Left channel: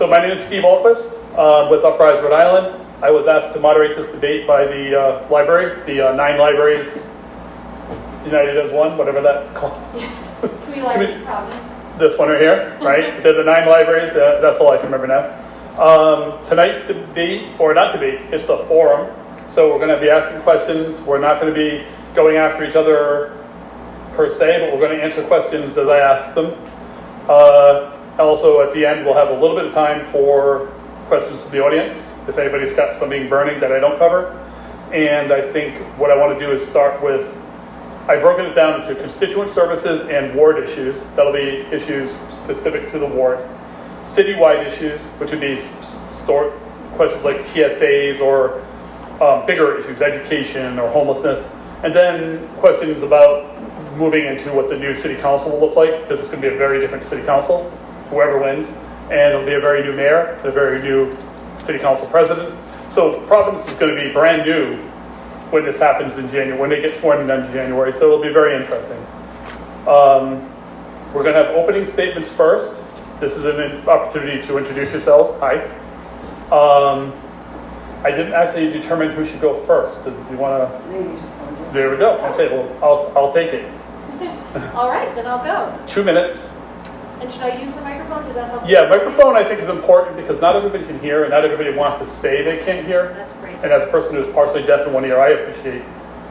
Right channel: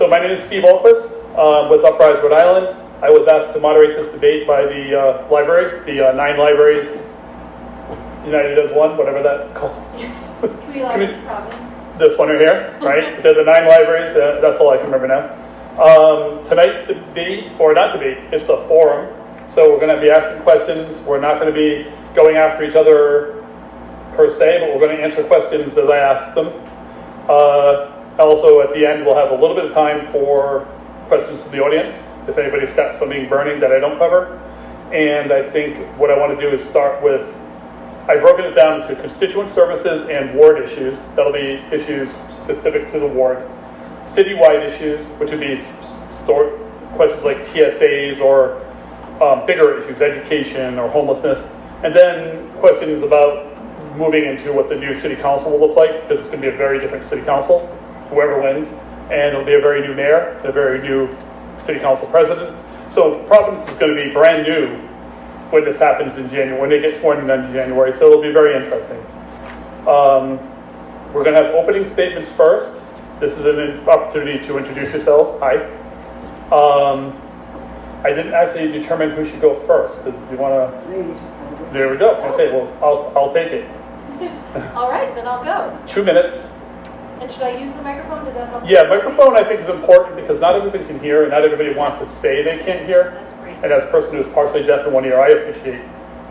So my name is Steve Ahlquist with Uprise, Rhode Island. I was asked to moderate this debate by the library, the 9 libraries, united as one, whatever that's called. Community Libraries Providence. This one right here, right? They're the 9 libraries, that's all I can remember now. Tonight's debate, or not debate, it's a forum. So we're going to be asking questions. We're not going to be going after each other per se, but we're going to answer questions as I ask them. Also, at the end, we'll have a little bit of time for questions from the audience, if anybody's got something burning that I don't cover. And I think what I want to do is start with, I've broken it down into constituent services and ward issues. That'll be issues specific to the ward. Citywide issues, which would be questions like TSAs or bigger issues, education or homelessness. And then questions about moving into what the new city council will look like. This is going to be a very different city council, whoever wins. And it'll be a very new mayor, a very new city council president. So Providence is going to be brand new when this happens in January, when they get sworn in January. So it'll be very interesting. We're going to have opening statements first. This is an opportunity to introduce yourselves. Hi. I didn't actually determine who should go first. Do you want to? Ladies. There we go. Okay, well, I'll take it. All right, then I'll go. 2 minutes. And should I use the microphone? Does that help? Yeah, microphone I think is important because not everybody can hear and not everybody wants to say they can't hear. That's great. And as a person who's partially deaf in one ear, I appreciate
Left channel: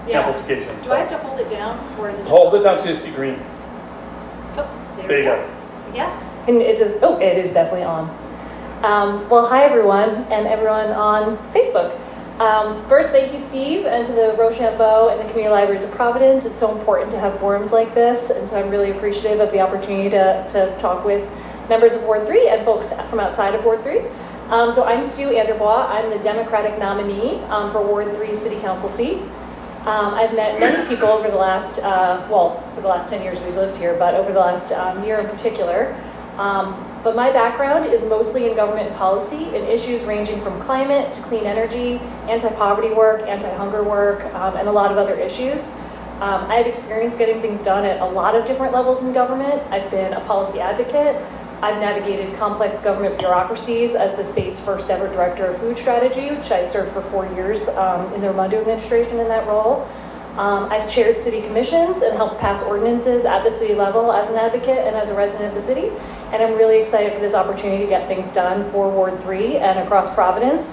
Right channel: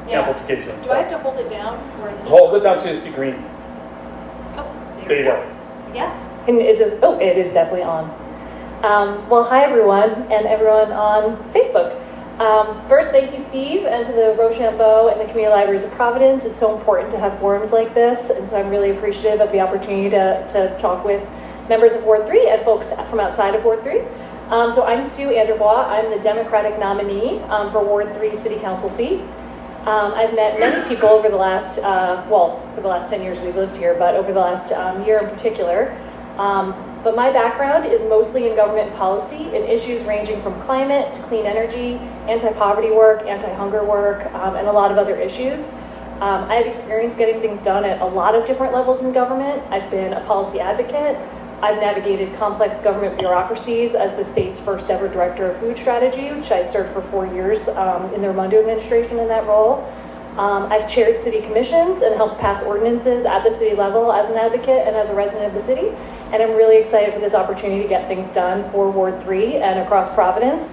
amplification. Do I have to hold it down, or is it? Hold it down so you see green. Oh, There you go. Yes. And it is definitely on. Well, hi everyone, and everyone on Facebook. First, thank you, Steve, and to the Rochambeau and the Community Libraries of Providence. It's so important to have forums like this, and so I'm really appreciative of the opportunity to talk with members of Ward 3 and folks from outside of Ward 3. So I'm Sue AnderBois. I'm the Democratic nominee for Ward 3 City Council seat. I've met many people over the last, for the last 10 years we've lived here, but over the last year in particular. But my background is mostly in government policy in issues ranging from climate to clean energy, anti-poverty work, anti-hunger work, and a lot of other issues. I have experience getting things done at a lot of different levels in government. I've been a policy advocate. I've navigated complex government bureaucracies as the state's first ever director of food strategy, which I served for 4 years in the Rochambeau administration in that role. I've chaired city commissions and helped pass ordinances at the city level as an advocate and as a resident of the city. And I'm really excited for this opportunity to get things done for Ward 3 and across Providence.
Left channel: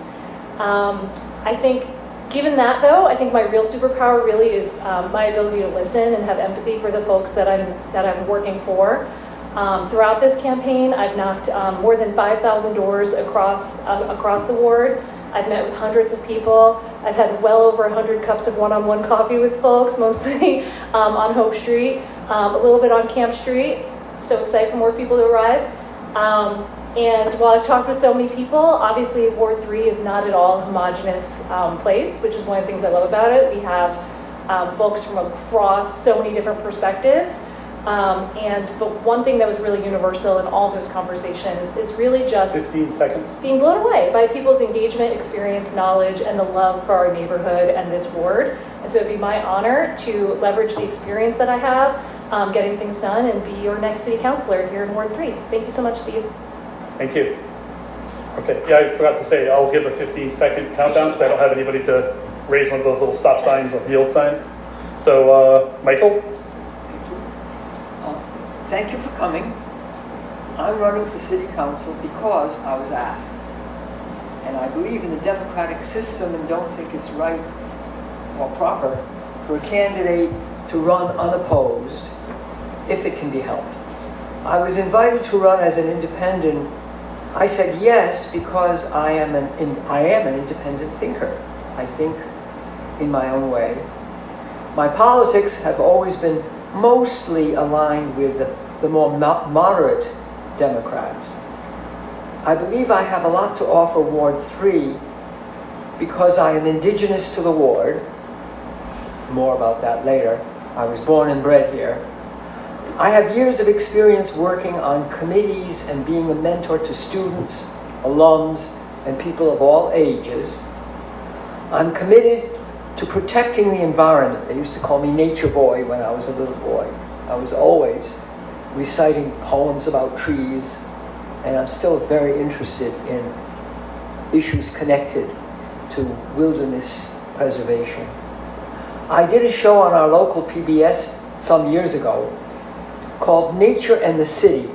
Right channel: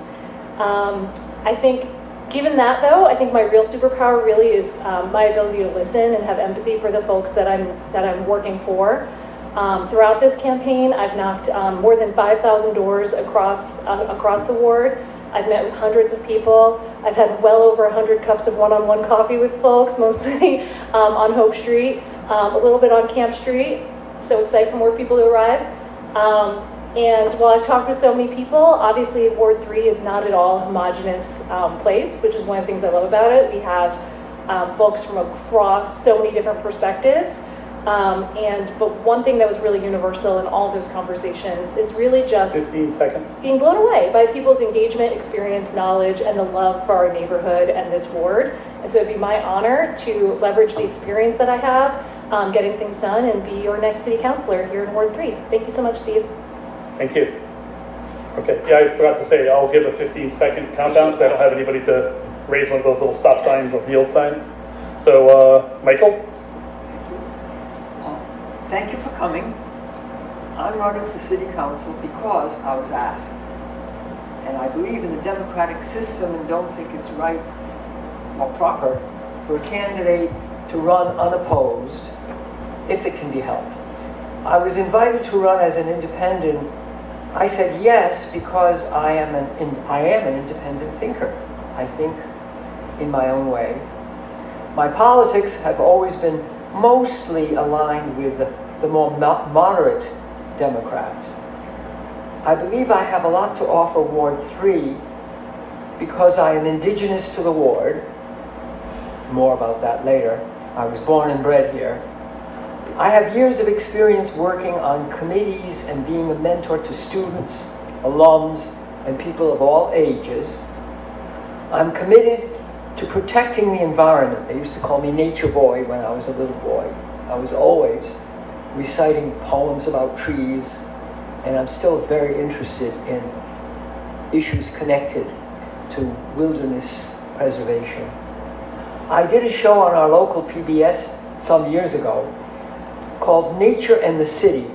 I think, given that though, I think my real superpower really is my ability to listen and have empathy for the folks that I'm working for. Throughout this campaign, I've knocked more than 5,000 doors across the ward. I've met with hundreds of people. I've had well over 100 cups of one-on-one coffee with folks, mostly on Hope Street, a little bit on Camp Street. So excited for more people to arrive. And while I've talked with so many people, obviously Ward 3 is not at all a homogenous place, which is one of the things I love about it. We have folks from across so many different perspectives. But one thing that was really universal in all those conversations is really just 15 seconds. Being blown away by people's engagement, experience, knowledge, and the love for our neighborhood and this ward. And so it'd be my honor to leverage the experience that I have getting things done and be your next city councilor here in Ward 3. Thank you so much, Steve. Thank you. Okay, yeah, I forgot to say, I'll give a 15-second countdown because I don't have anybody to raise one of those little stop signs or yield signs. So, Michael? Thank you for coming. I'm running for city council because I was asked. And I believe in the democratic system and don't think it's right or proper for a candidate to run unopposed if it can be helped. I was invited to run as an independent. I said yes because I am an independent thinker. I think in my own way. My politics have always been mostly aligned with the more moderate Democrats. I believe I have a lot to offer Ward 3 because I am indigenous to the ward. More about that later. I was born and bred here. I have years of experience working on committees and being a mentor to students, alums, and people of all ages. I'm committed to protecting the environment. They used to call me Nature Boy when I was a little boy. I was always reciting poems about trees and I'm still very interested in issues connected to wilderness preservation. I did a show on our local PBS some years ago called Nature and the City.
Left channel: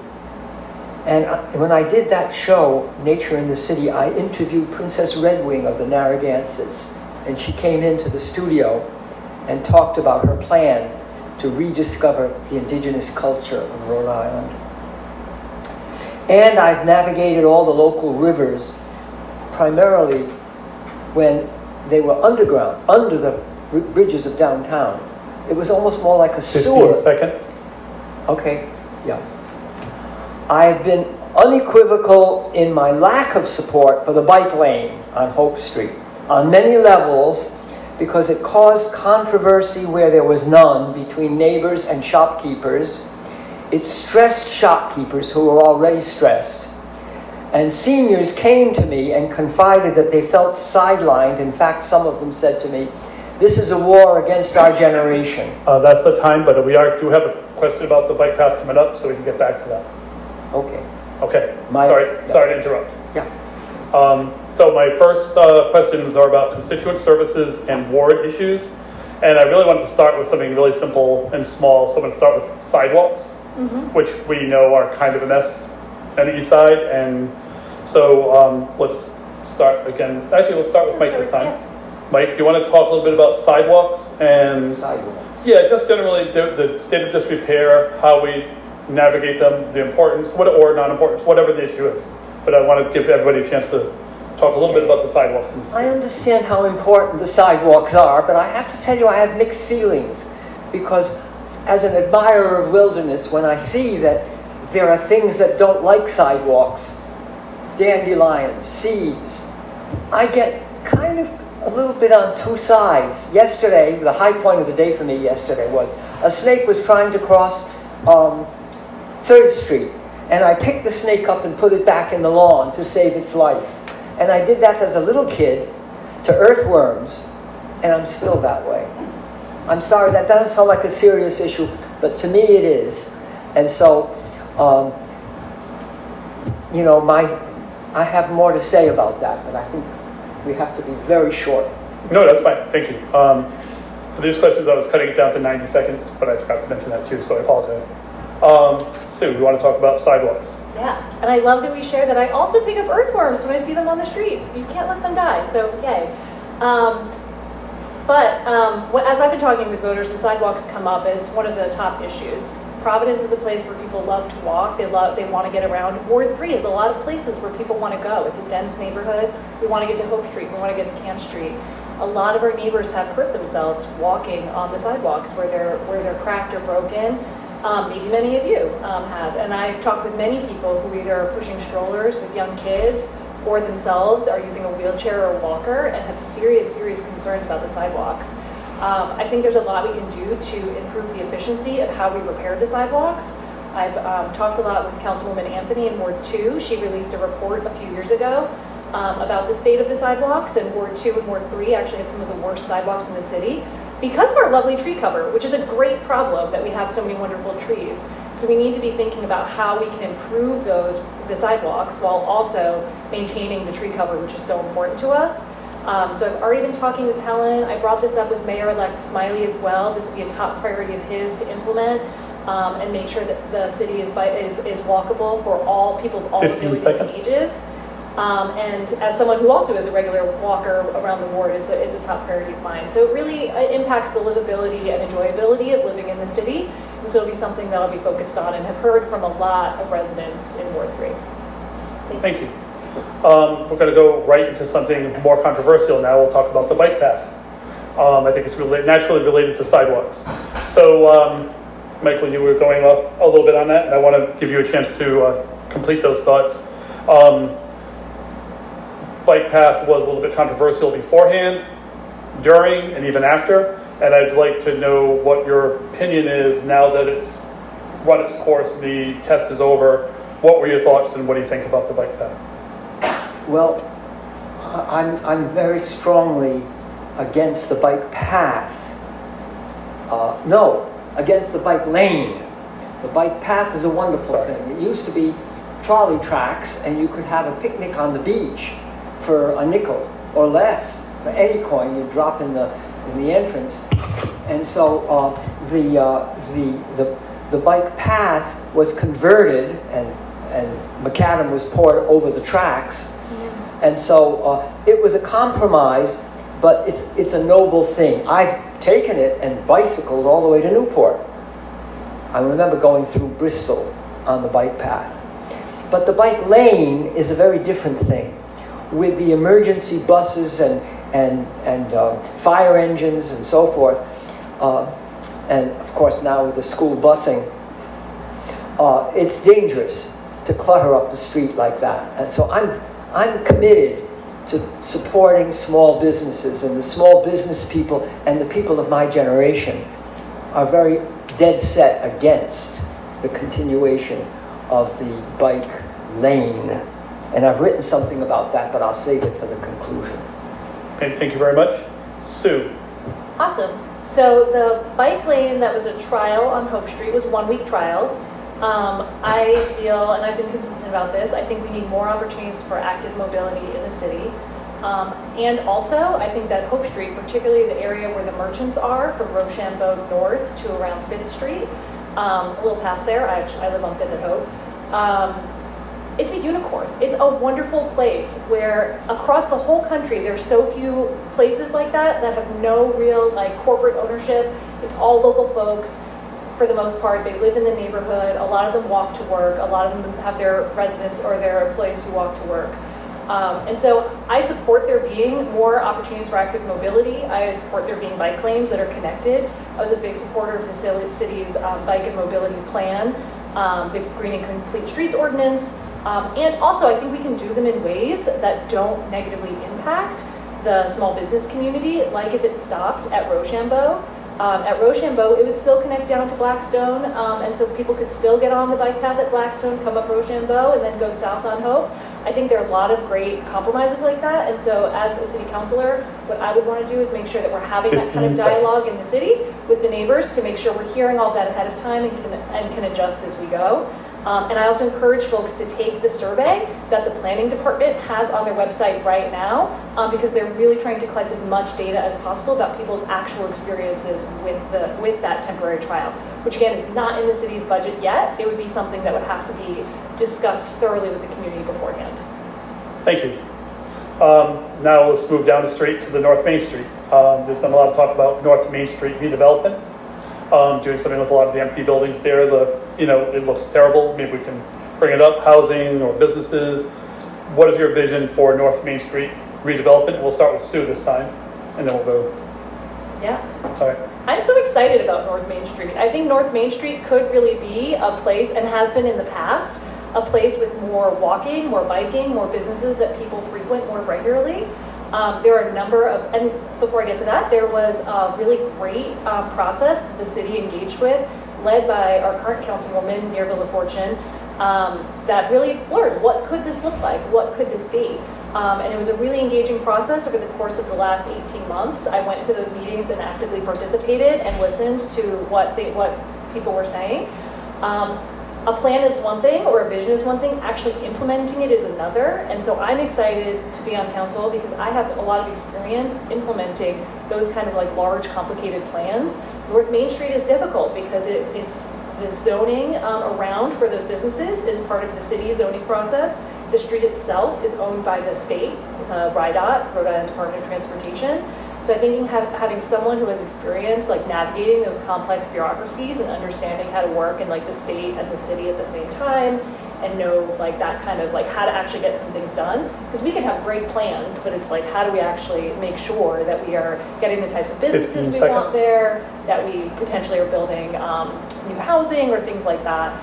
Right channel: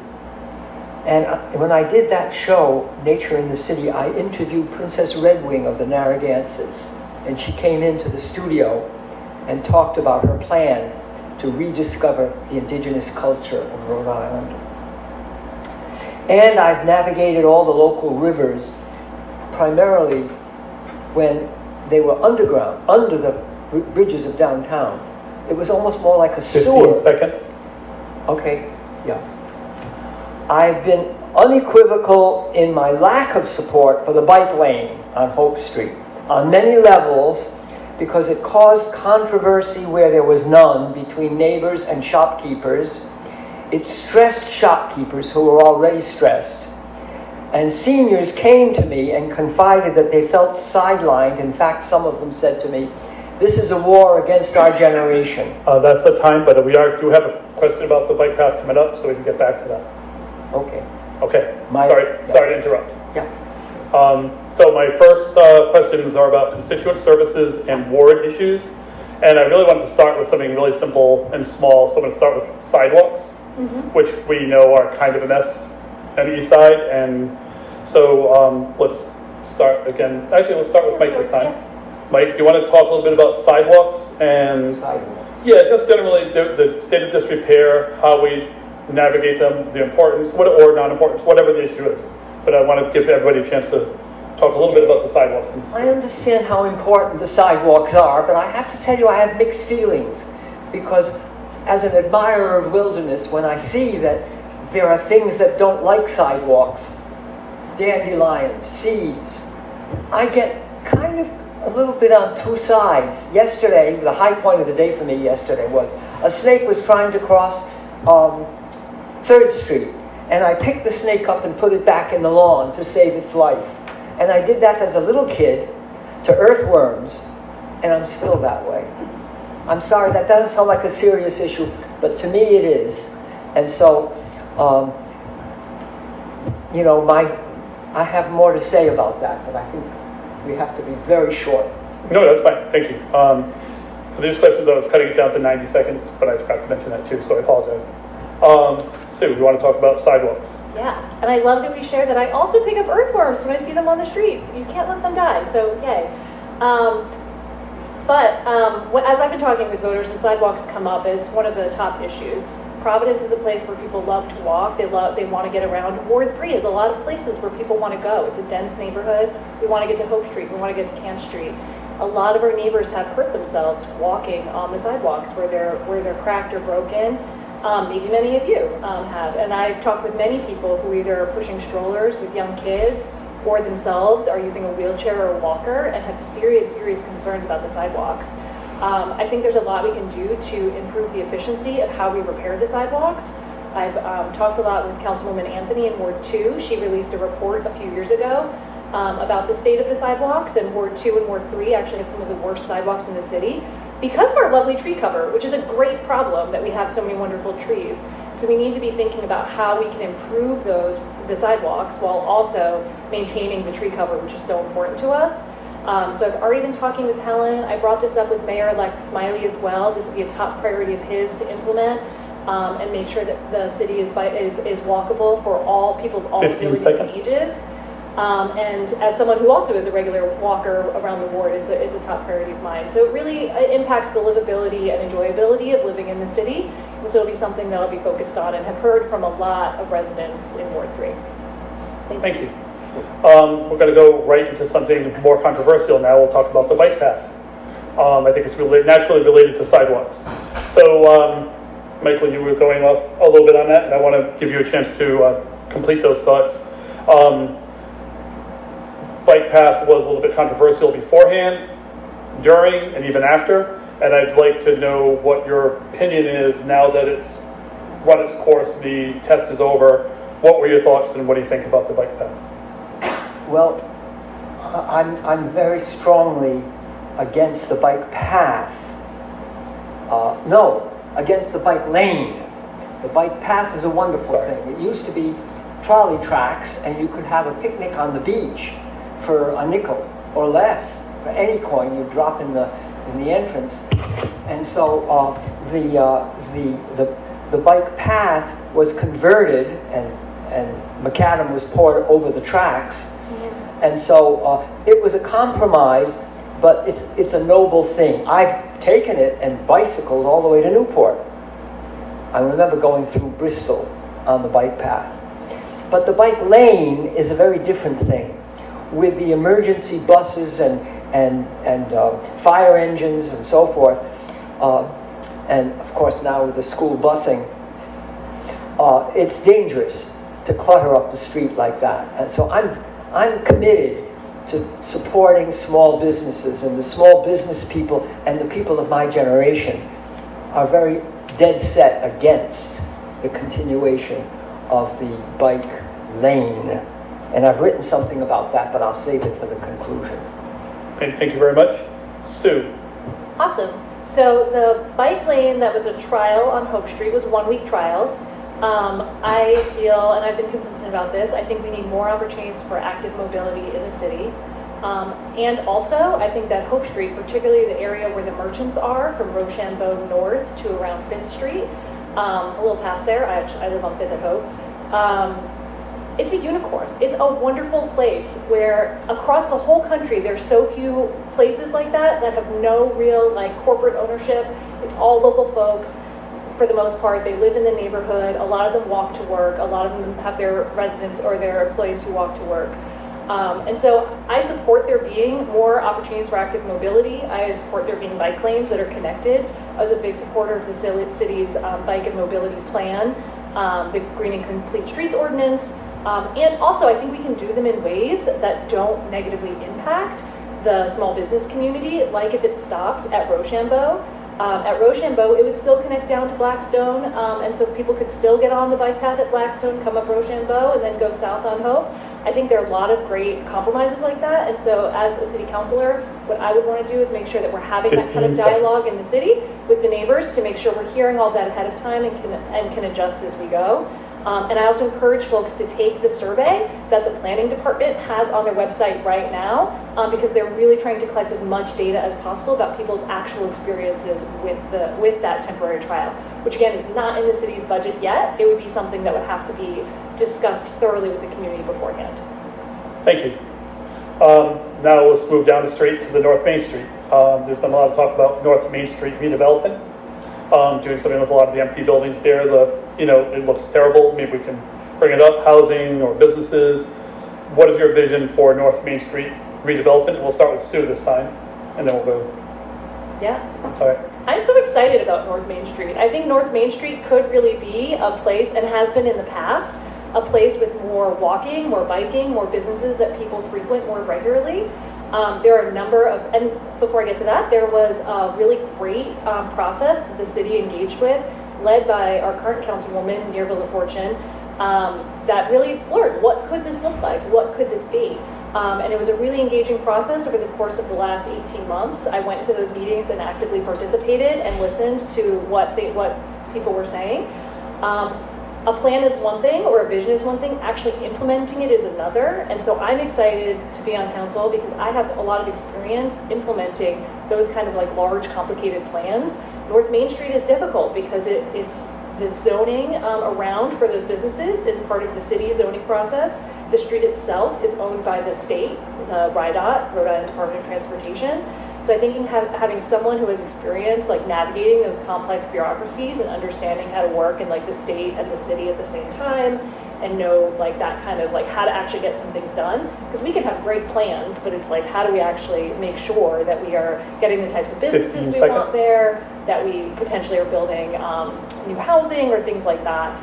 And when I did that show, Nature in the City, I interviewed Princess Redwing of the Narragansetts. And she came into the studio and talked about her plan to rediscover the indigenous culture of Rhode Island. And I've navigated all the local rivers, primarily when they were underground, under the bridges of downtown. It was almost more like a 15 sewer. seconds. Okay, yeah. I've been unequivocal in my lack of support for the bike lane on Hope Street on many levels, because it caused controversy where there was none between neighbors and shopkeepers. It stressed shopkeepers who were already stressed. And seniors came to me and confided that they felt sidelined. In fact, some of them said to me, "This is a war against our generation." That's the time, but we do have a question about the bike path coming up, so we can get back to that. Okay. Okay, My- sorry to interrupt. Yeah. So my first questions are about constituent services and ward issues. And I really want to start with something really simple and small. So I'm going to start with sidewalks, which we know are kind of a mess on the east side. And so let's start again. Actually, we'll start with Mike this time. Mike, do you want to talk a little bit about sidewalks and yeah, just generally the state of disrepair, how we navigate them, the importance, or non-importance, whatever the issue is. But I want to give everybody a chance to talk a little bit about the sidewalks. I understand how important the sidewalks are, but I have to tell you I have mixed feelings, because as an admirer of wilderness, when I see that there are things that don't like sidewalks, dandelions, seeds, I get kind of a little bit on two sides. Yesterday, the high point of the day for me yesterday was a snake was trying to cross 3rd Street, and I picked the snake up and put it back in the lawn to save its life. And I did that as a little kid to earthworms, and I'm still that way. I'm sorry, that doesn't sound like a serious issue, but to me it is. And so, you know, I have more to say about that, but I think we have to be very short. No, that's fine. Thank you. For these questions, I was cutting it down to 90 seconds, but I forgot to mention that too, so I apologize. Sue, you want to talk about sidewalks? Yeah, and I love that we share that. I also pick up earthworms when I see them on the street. You can't let them die, so yay. As I've been talking with voters, the sidewalks come up as one of the top issues. Providence is a place where people love to walk. They want to get around. Ward 3 is a lot of places where people want to go. It's a dense neighborhood. We want to get to Hope Street. We want to get to Camp Street. A lot of our neighbors have hurt themselves walking on the sidewalks where they're cracked or broken. Maybe many of you have. And I've talked with many people who either are pushing strollers with young kids or themselves are using a wheelchair or a walker and have serious, serious concerns about the sidewalks. I think there's a lot we can do to improve the efficiency of how we repair the sidewalks. I've talked a lot with Councilwoman Anthony in Ward 2. She released a report a few years ago about the state of the sidewalks, and Ward 2 and Ward 3 actually have some of the worst sidewalks in the city because of our lovely tree cover, which is a great problem that we have so many wonderful trees. So we need to be thinking about how we can improve the sidewalks while also maintaining the tree cover, which is so important to us. So I've already been talking with Helen. I brought this up with Mayor-elect Smiley as well. This would be a top priority of his to implement and make sure that the city is walkable for all people of all abilities and ages. And as someone who also is a regular walker around the ward, it's a top priority of mine. So it really impacts the livability and enjoyability of living in the city. And so it'll be something that I'll be focused on and have heard from a lot of residents in Ward 3. Thank you. We're going to go right into something more controversial now. We'll talk about the bike path. I think it's naturally related to sidewalks. So, Michael, you were going up a little bit on that, and I want to give you a chance to complete those thoughts. Bike path was a little bit controversial beforehand, during, and even after, and I'd like to know what your opinion is now that it's run its course, the test is over. What were your thoughts, and what do you think about the bike path? Well, I'm very strongly against the bike path. No, against the bike lane. The bike path is a wonderful thing. It used to be trolley tracks, and you could have a picnic on the beach for a nickel or less. For any coin you drop in the entrance. And so the bike path was converted, and macadam was poured over the tracks. And so it was a compromise, but it's a noble thing. I've taken it and bicycled all the way to Newport. I remember going through Bristol on the bike path. But the bike lane is a very different thing. With the emergency buses and fire engines and so forth, and of course now with the school busing, it's dangerous to clutter up the street like that. And so I'm committed to supporting small businesses, and the small business people and the people of my generation are very dead set against the continuation of the bike lane. And I've written something about that, but I'll save it for the conclusion. Okay, thank you very much. Sue. Awesome. So the bike lane that was a trial on Hope Street was a 1-week trial. I feel, and I've been consistent about this, I think we need more opportunities for active mobility in the city. And also, I think that Hope Street, particularly the area where the merchants are, from Rochambeau north to around 5th Street, a little past there, I live on 5th and Hope, it's a unicorn. It's a wonderful place where across the whole country, there's so few places like that have no real corporate ownership. It's all local folks. For the most part, they live in the neighborhood. A lot of them walk to work. A lot of them have their residents or their employees who walk to work. And so I support there being more opportunities for active mobility. I support there being bike lanes that are connected. I was a big supporter of the city's bike and mobility plan, the Green and Complete Streets ordinance. And also, I think we can do them in ways that don't negatively impact the small business community, like if it stopped at Rochambeau. At Rochambeau, it would still connect down to Blackstone, and so people could still get on the bike path at Blackstone, come up Rochambeau, and then go south on Hope. I think there are a lot of great compromises like that, and so as a city councilor, what I would want to do is make sure that we're having that kind of dialogue in the city with the neighbors to make sure we're hearing all that ahead of time and can adjust as we go. And I also encourage folks to take the survey that the planning department has on their website right now, because they're really trying to collect as much data as possible about people's actual experiences with that temporary trial, which again is not in the city's budget yet. It would be something that would have to be discussed thoroughly with the community beforehand. Thank you. Now let's move down the street to the North Main Street. There's been a lot of talk about North Main Street redevelopment, doing something with a lot of the empty buildings there. It looks terrible. Maybe we can bring it up, housing or businesses. What is your vision for North Main Street redevelopment? We'll start with Sue this time, and then we'll go. Yeah. All right. I'm so excited about North Main Street. I think North Main Street could really be a place, and has been in the past, a place with more walking, more biking, more businesses that people frequent more regularly. There are a number of, and before I get to that, there was a really great process that the city engaged with, led by our current councilwoman, Mirabella Fortune, that really explored what could this look like, what could this be. And it was a really engaging process over the course of the last 18 months. I went to those meetings and actively participated and listened to what people were saying. A plan is one thing, or a vision is one thing, actually implementing it is another. And so I'm excited to be on council because I have a lot of experience implementing those kind of large, complicated plans. North Main Street is difficult because it's the zoning around for those businesses is part of the city's zoning process. The street itself is owned by the state, RIDOT, Rhode Island Department of Transportation. So I think having someone who has experience navigating those complex bureaucracies and understanding how to work in the state and the city at the same time, and know that kind of how to actually get some things done, because we can have great plans, but it's how do we actually make sure that we are getting the types of businesses we want there, that we potentially are building new housing or things like that.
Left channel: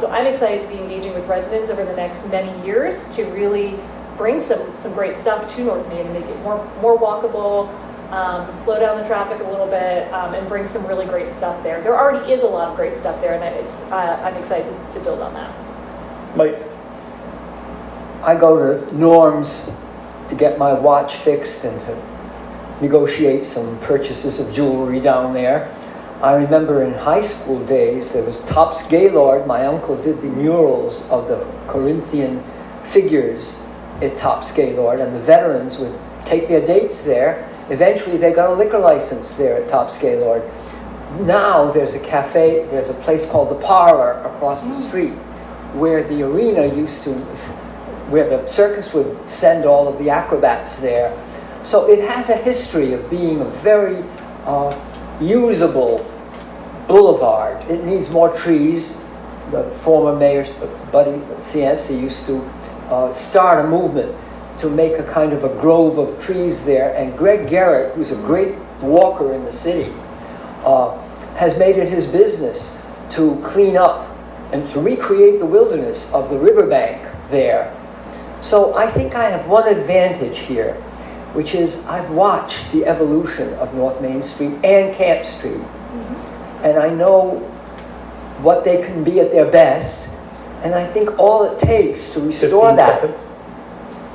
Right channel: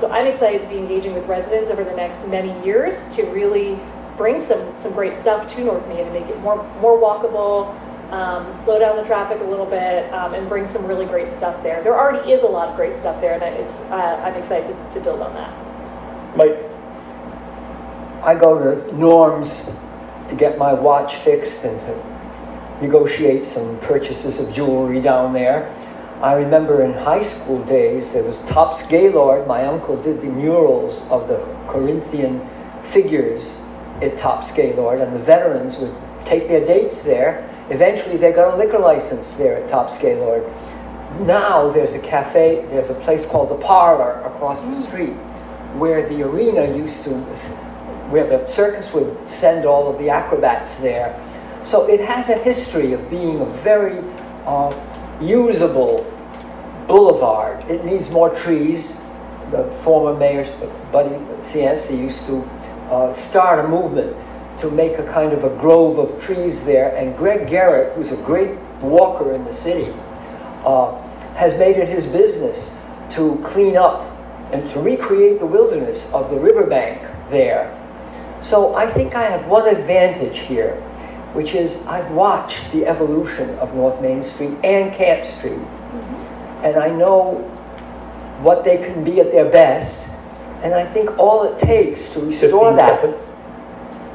So I'm excited to be engaging with residents over the next many years to really bring some great stuff to North Main and make it more walkable, slow down the traffic a little bit, and bring some really great stuff there. There already is a lot of great stuff there, and I'm excited to build on that. Mike. I go to Norm's to get my watch fixed and to negotiate some purchases of jewelry down there. I remember in high school days, there was Tops Gaylord. My uncle did the murals of the Corinthian figures at Tops Gaylord, and the veterans would take their dates there. Eventually, they got a liquor license there at Tops Gaylord. Now, there's a cafe, there's a place called The Parlor across the street, where the arena used to, where the circus would send all of the acrobats there. So it has a history of being a very usable boulevard. It needs more trees. The former mayor, Buddy Cienci, used to start a movement to make a kind of a grove of trees there. And Greg Garrett, who's a great walker in the city, has made it his business to clean up and to recreate the wilderness of the riverbank there. So I think I have one advantage here, which is I've watched the evolution of North Main Street and Camp Street. And I know what they can be at their best. And I think all it takes to restore 15 that seconds.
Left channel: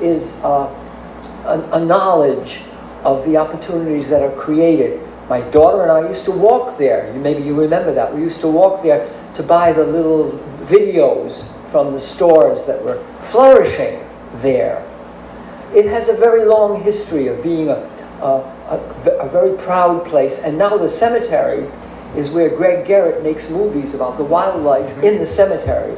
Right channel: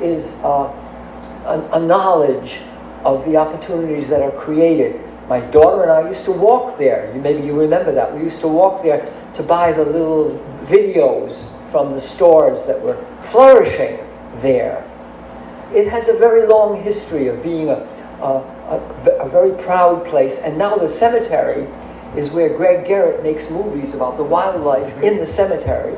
is a knowledge of the opportunities that are created. My daughter and I used to walk there. Maybe you remember that. We used to walk there to buy the little videos from the stores that were flourishing there. It has a very long history of being a very proud place. And now the cemetery is where Greg Garrett makes movies about the wildlife in the cemetery.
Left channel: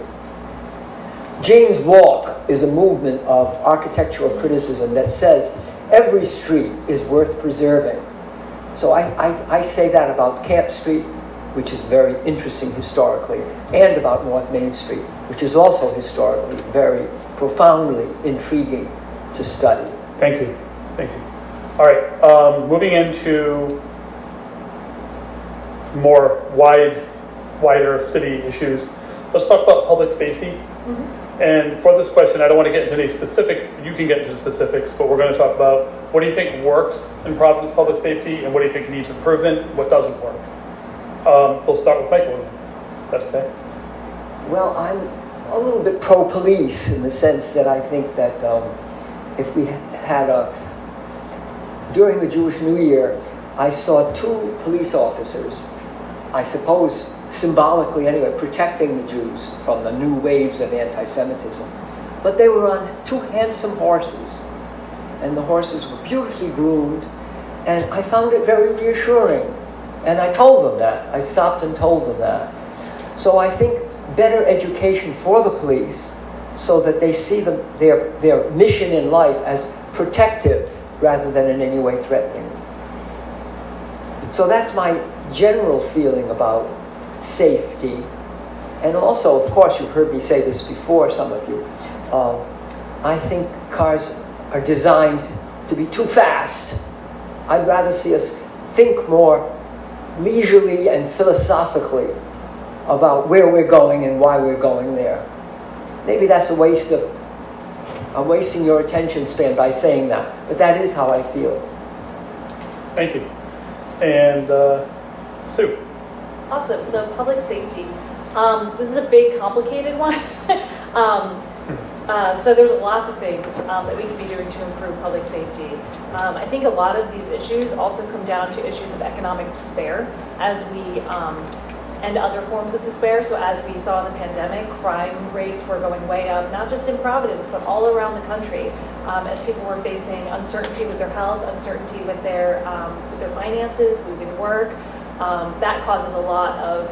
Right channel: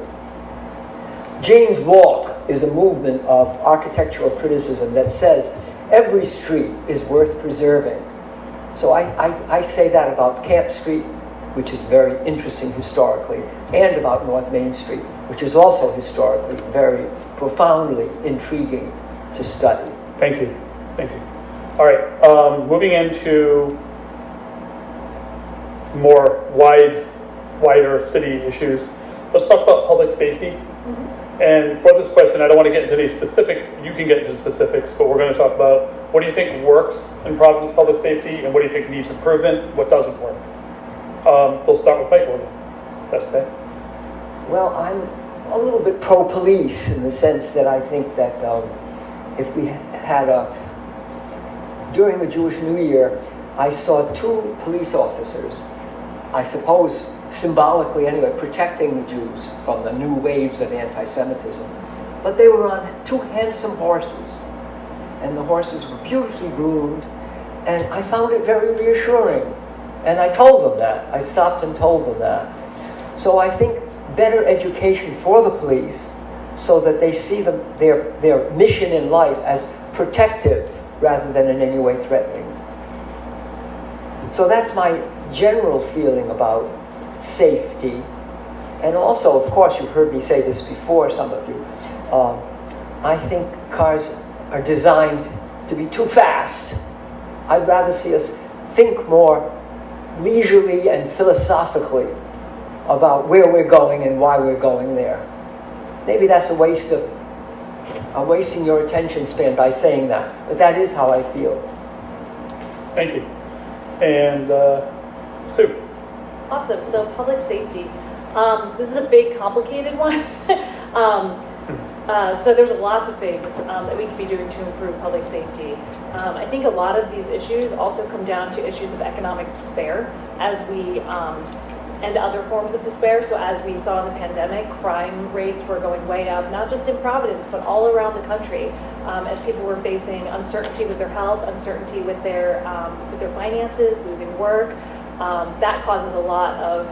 James Walk is a movement of architectural criticism that says every street is worth preserving. So I say that about Camp Street, which is very interesting historically, and about North Main Street, which is also historically very profoundly intriguing to study. Thank you. Thank you. All right, moving into more wider city issues. Let's talk about public safety. And for this question, I don't want to get into any specifics. You can get into specifics, but we're going to talk about what do you think works in Providence public safety and what do you think needs improvement, what doesn't work. We'll start with Michael. That's okay. Well, I'm a little bit pro-police in the sense that I think that if we had during the Jewish New Year, I saw 2 police officers, I suppose symbolically anyway, protecting the Jews from the new waves of anti-Semitism. But they were on 2 handsome horses, and the horses were beautifully groomed, and I found it very reassuring. And I told them that. I stopped and told them that. So I think better education for the police so that they see their mission in life as protective rather than in any way threatening. So that's my general feeling about safety. And also, of course, you've heard me say this before, some of you, I think cars are designed to be too fast. I'd rather see us think more leisurely and philosophically about where we're going and why we're going there. Maybe that's I'm wasting your attention span by saying that, but that is how I feel. Thank you. And Sue. Awesome. So public safety. This is a big, complicated one. So there's lots of things that we can be doing to improve public safety. I think a lot of these issues also come down to issues of economic despair as we, and other forms of despair. So as we saw in the pandemic, crime rates were going way up, not just in Providence, but all around the country. As people were facing uncertainty with their health, uncertainty with their finances, losing work, that causes a lot of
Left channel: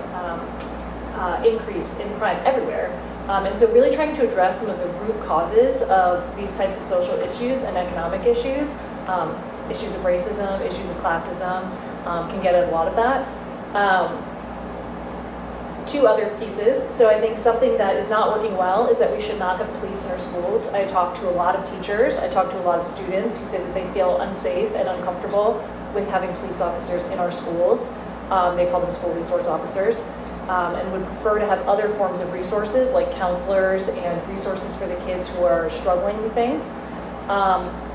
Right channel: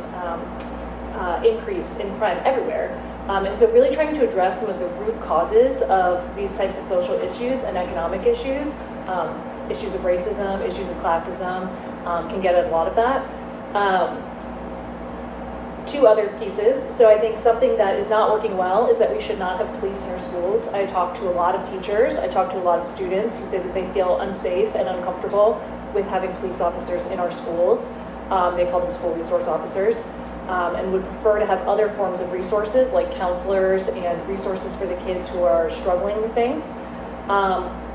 increase in crime everywhere. And so really trying to address some of the root causes of these types of social issues and economic issues, issues of racism, issues of classism, can get at a lot of that. 2 other pieces. So I think something that is not working well is that we should not have police in our schools. I talk to a lot of teachers, I talk to a lot of students who say that they feel unsafe and uncomfortable with having police officers in our schools. They call them school resource officers. And would prefer to have other forms of resources like counselors and resources for the kids who are struggling with things.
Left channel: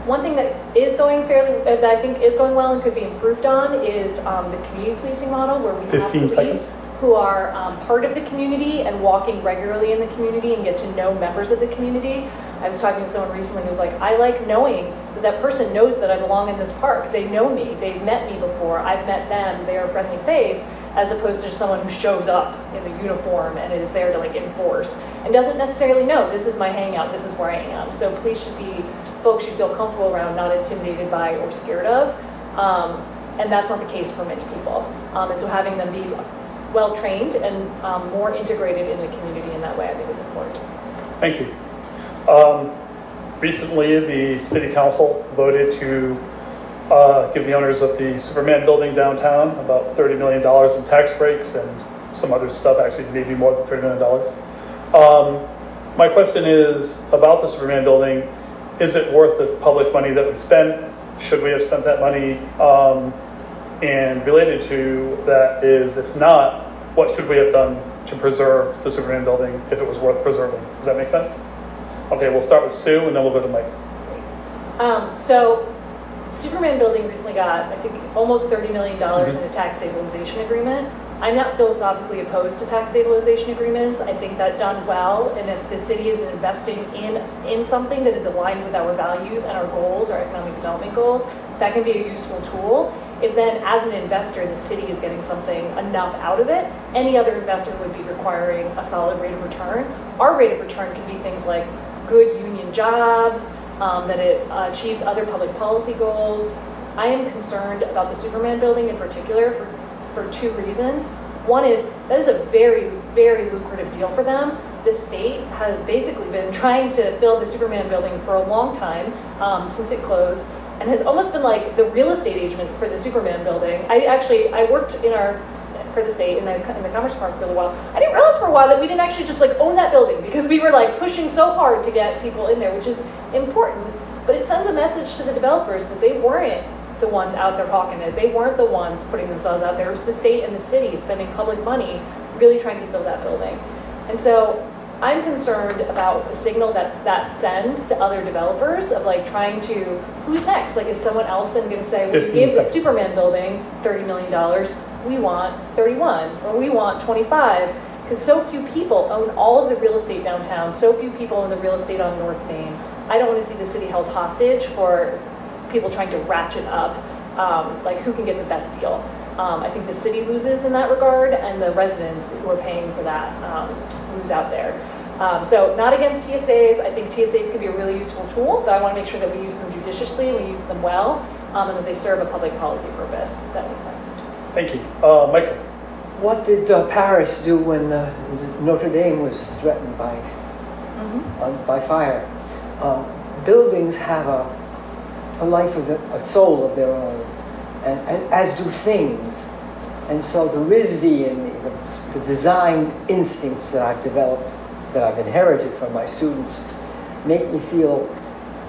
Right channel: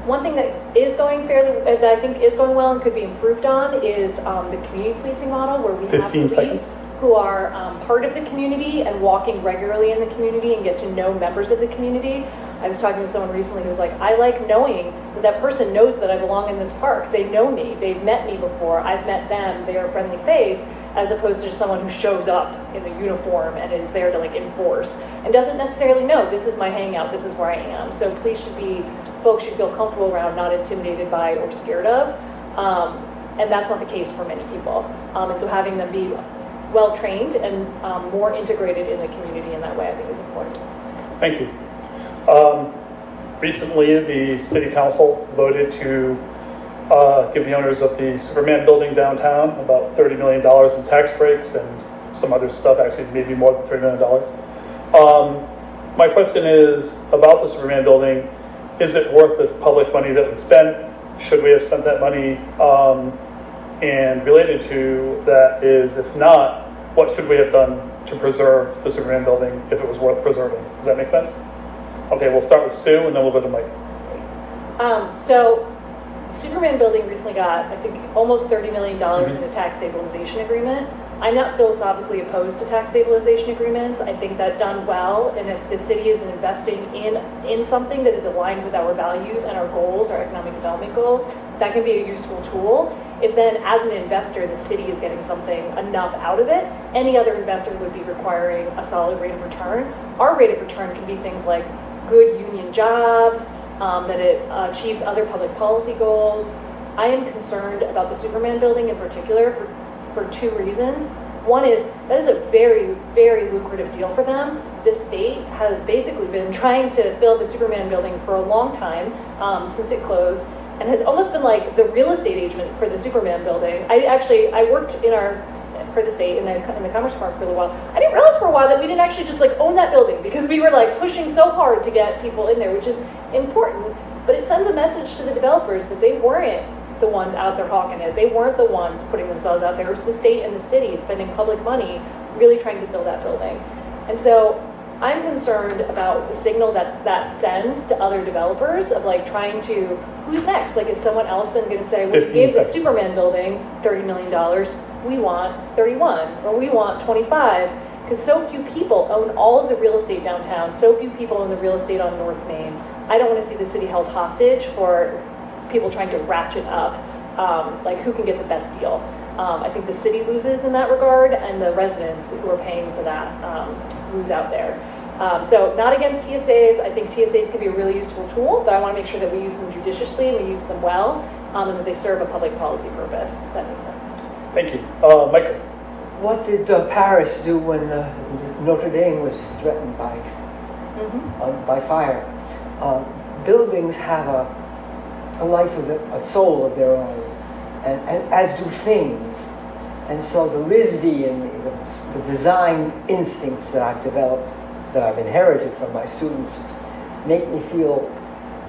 One thing that is going that I think is going well and could be improved on is the community policing model, where we have 15 police seconds. who are part of the community and walking regularly in the community and get to know members of the community. I was talking to someone recently who was like, I like knowing that that person knows that I belong in this park. They know me. They've met me before. I've met them. They're a friendly face. as opposed to just someone who shows up in a uniform and is there to like enforce and doesn't necessarily know this is my hangout, this is where I am. So police folks should feel comfortable around, not intimidated by or scared of. And that's not the case for many people. And so having them be well-trained and more integrated in the community in that way, I think is important. Thank you. Recently, the city council voted to give the owners of the Superman building downtown about $30 million in tax breaks and some other stuff, actually maybe more than $30 million. My question is about the Superman building. Is it worth the public money that we spent? Should we have spent that money? And related to that is, if not, what should we have done to preserve the Superman building if it was worth preserving? Does that make sense? Okay, we'll start with Sue and then we'll go to Mike. So Superman building recently got, I think, almost $30 million in a tax stabilization agreement. I'm not philosophically opposed to tax stabilization agreements. I think that done well, and if the city is investing in something that is aligned with our values and our goals, our economic development goals, that can be a useful tool. If then, as an investor, the city is getting something enough out of it, any other investor would be requiring a solid rate of return. Our rate of return can be things like good union jobs, that it achieves other public policy goals. I am concerned about the Superman building in particular for two reasons. One is that is a very, very lucrative deal for them. The state has basically been trying to build the Superman building for a long time, since it closed, and has almost been like the real estate agent for the Superman building. I worked for the state in the Commerce Park for a while. I didn't realize for a while that we didn't actually just like own that building, because we were like pushing so hard to get people in there, which is important, but it sends a message to the developers that they weren't the ones out there hawking it. They weren't the ones putting themselves out there. It was the state and the city spending public money really trying to build that building. And so I'm concerned about the signal that sends to other developers of like trying to, who's next? Like, is someone else then going to say, we gave the Superman building $30 million, we want 31, or we want 25, because so few people own all of the real estate downtown, so few people own the real estate on North Main. I don't want to see the city held hostage for people trying to ratchet up, like who can get the best deal. I think the city loses in that regard, and the residents who are paying for that lose out there. So not against TSAs. I think TSAs can be a really useful tool, but I want to make sure that we use them judiciously, we use them well, and that they serve a public policy purpose. If that makes sense. Thank you. Michael. What did Paris do when Notre Dame was threatened by fire? Buildings have a life of a soul of their own, and as do things. And so the RISD and the design instincts that I've developed, that I've inherited from my students, make me feel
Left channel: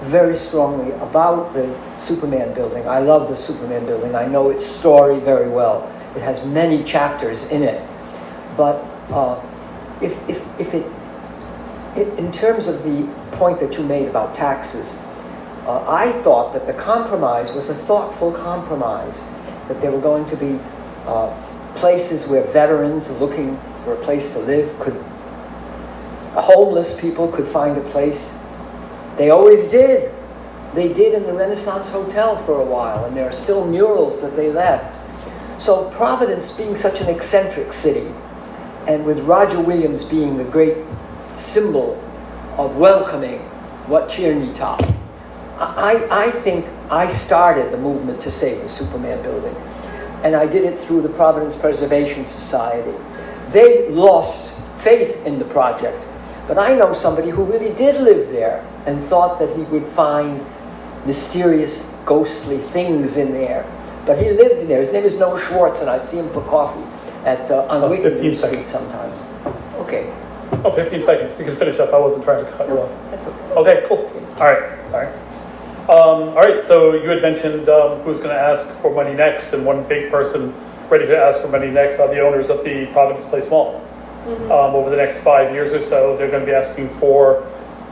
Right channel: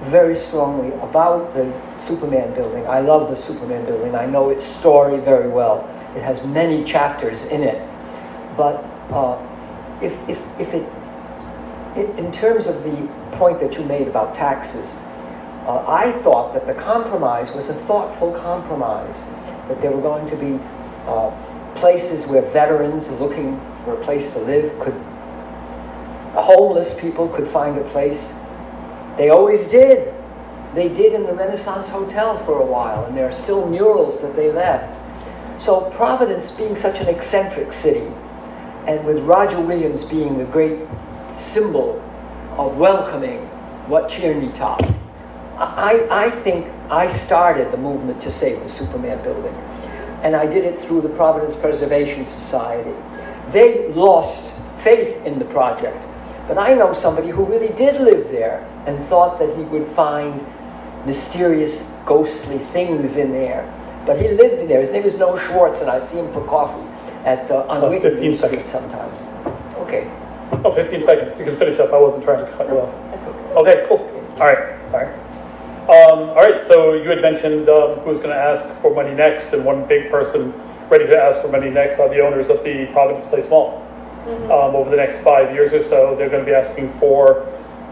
very strongly about the Superman building. I love the Superman building. I know its story very well. It has many chapters in it. But if in terms of the point that you made about taxes, I thought that the compromise was a thoughtful compromise, that there were going to be places where veterans looking for a place to live homeless people could find a place. They always did. They did in the Renaissance Hotel for a while, and there are still murals that they left. So Providence being such an eccentric city, and with Roger Williams being the great symbol of welcoming what Tierney taught, I think I started the movement to save the Superman building. And I did it through the Providence Preservation Society. They lost faith in the project, but I know somebody who really did live there and thought that he would find mysterious, ghostly things in there. But he lived in there. His name is Noah Schwartz, and I see him for coffee on Wickham Street sometimes. Okay. Oh, 15 seconds. You can finish up. I wasn't trying to cut you off. Okay, cool. All right. Sorry. All right, so you had mentioned who's going to ask for money next, and one big person ready to ask for money next are the owners of the Providence Place Mall. Over the next 5 years or so, they're going to be asking for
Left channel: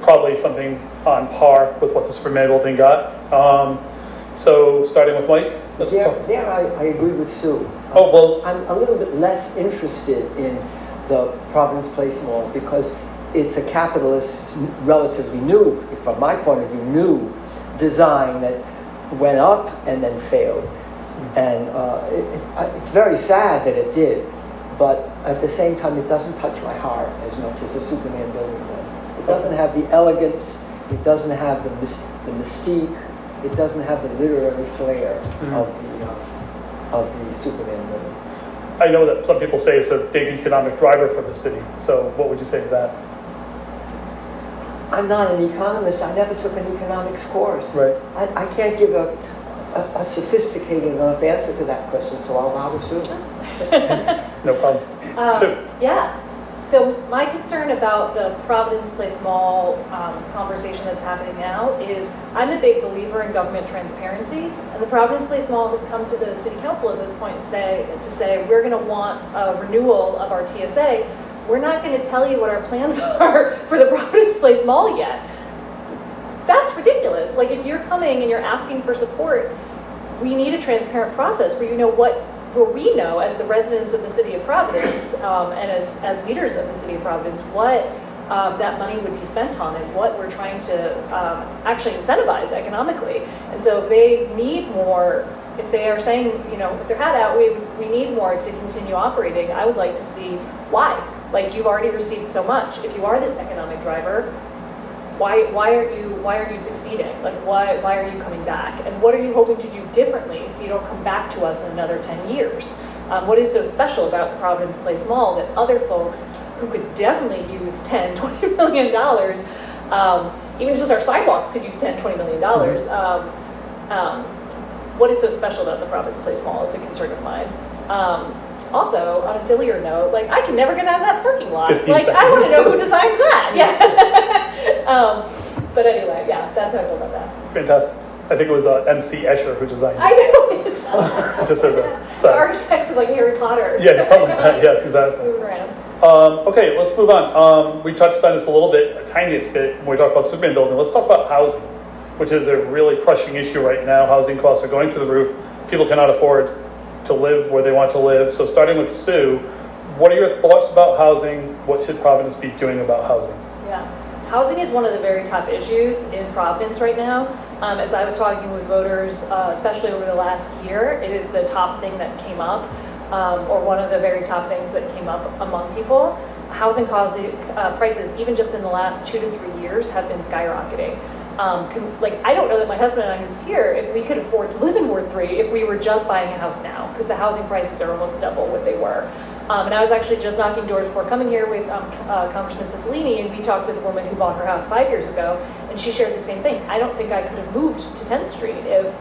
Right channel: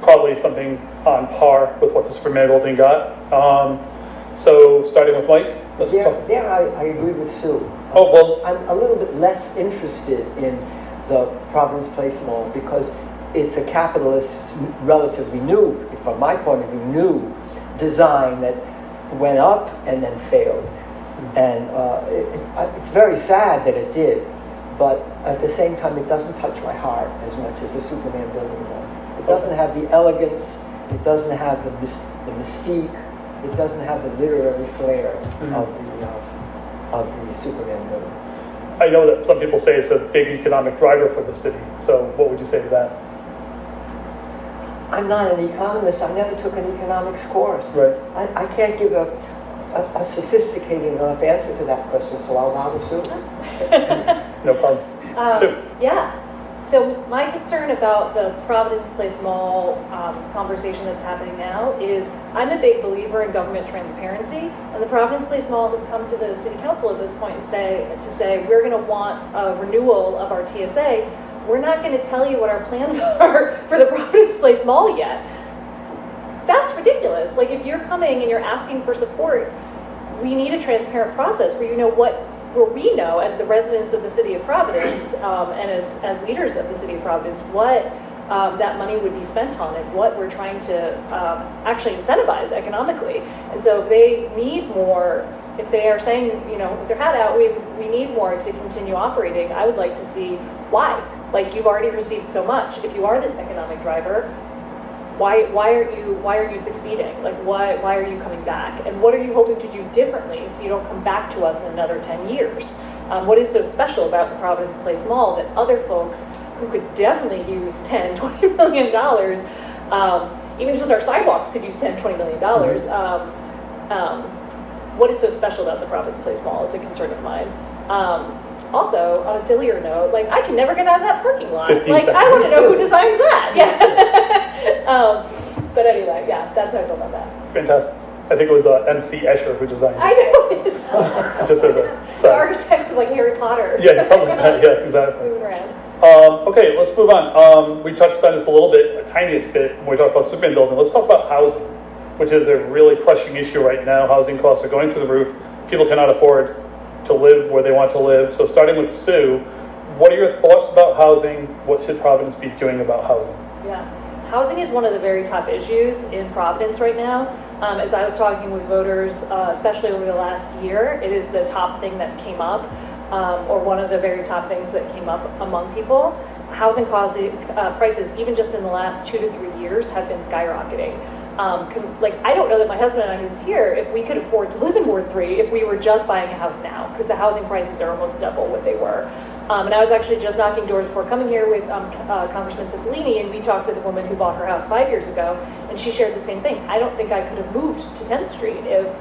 probably something on par with what the Superman building got. So starting with Mike. I agree with Sue. Oh, well. I'm a little bit less interested in the Providence Place Mall because it's a capitalist, relatively new, from my point of view, new design that went up and then failed. And it's very sad that it did, but at the same time, it doesn't touch my heart as much as the Superman building does. It doesn't have the elegance, it doesn't have the mystique, it doesn't have the literary flair of the Superman building. I know that some people say it's a big economic driver for the city, so what would you say to that? I'm not an economist, I never took an economics course. Right. I can't give a sophisticated enough answer to that question, so I'll bow to Sue. No problem. Sue? Yeah. So my concern about the Providence Place Mall conversation that's happening now is I'm a big believer in government transparency, and the Providence Place Mall has come to the City Council at this point and say we're going to want a renewal of our TSA. We're not going to tell you what our plans are for the Providence Place Mall yet. That's ridiculous. Like, if you're coming and you're asking for support, we need a transparent process where we know as the residents of the city of Providence and as leaders of the city of Providence what that money would be spent on and what we're trying to actually incentivize economically. And so if they need more, if they are saying, with their hat out, we need more to continue operating, I would like to see why. Like, you've already received so much. If you are this economic driver, why are you succeeding? Like, why are you coming back? And what are you hoping to do differently so you don't come back to us in another 10 years? What is so special about the Providence Place Mall that other folks who could definitely use $10, $20 million, even just our sidewalks could use $10, $20 million. What is so special about the Providence Place Mall is a concern of mine. Also, on a sillier note, like, I can never get out of that parking lot. 15 Like, seconds. I want to know who designed that. Yeah. But anyway, yeah, that's how I feel about that. Fantastic. I think it was MC Escher who designed it. I know. It's Just over. the Sorry. architects of like Harry Potter. Yeah, something like that. Yes, exactly. Moving around. Okay, let's move on. We touched on this a little bit, a tiniest bit, when we talked about Superman building. Let's talk about housing, which is a really crushing issue right now. Housing costs are going through the roof. People cannot afford to live where they want to live. So starting with Sue, what are your thoughts about housing? What should Providence be doing about housing? Yeah. Housing is one of the very tough issues in Providence right now. As I was talking with voters, especially over the last year, it is the top thing that came up, or one of the very top things that came up among people. Housing prices, even just in the last 2 to 3 years, have been skyrocketing. I don't know that my husband and I who's here, if we could afford to live in Ward 3 if we were just buying a house now, because the housing prices are almost double what they were. And I was actually just knocking doors before coming here with Congressman Cicilline, and we talked with a woman who bought her house 5 years ago, and she shared the same thing. I don't think I could have moved to 10th Street if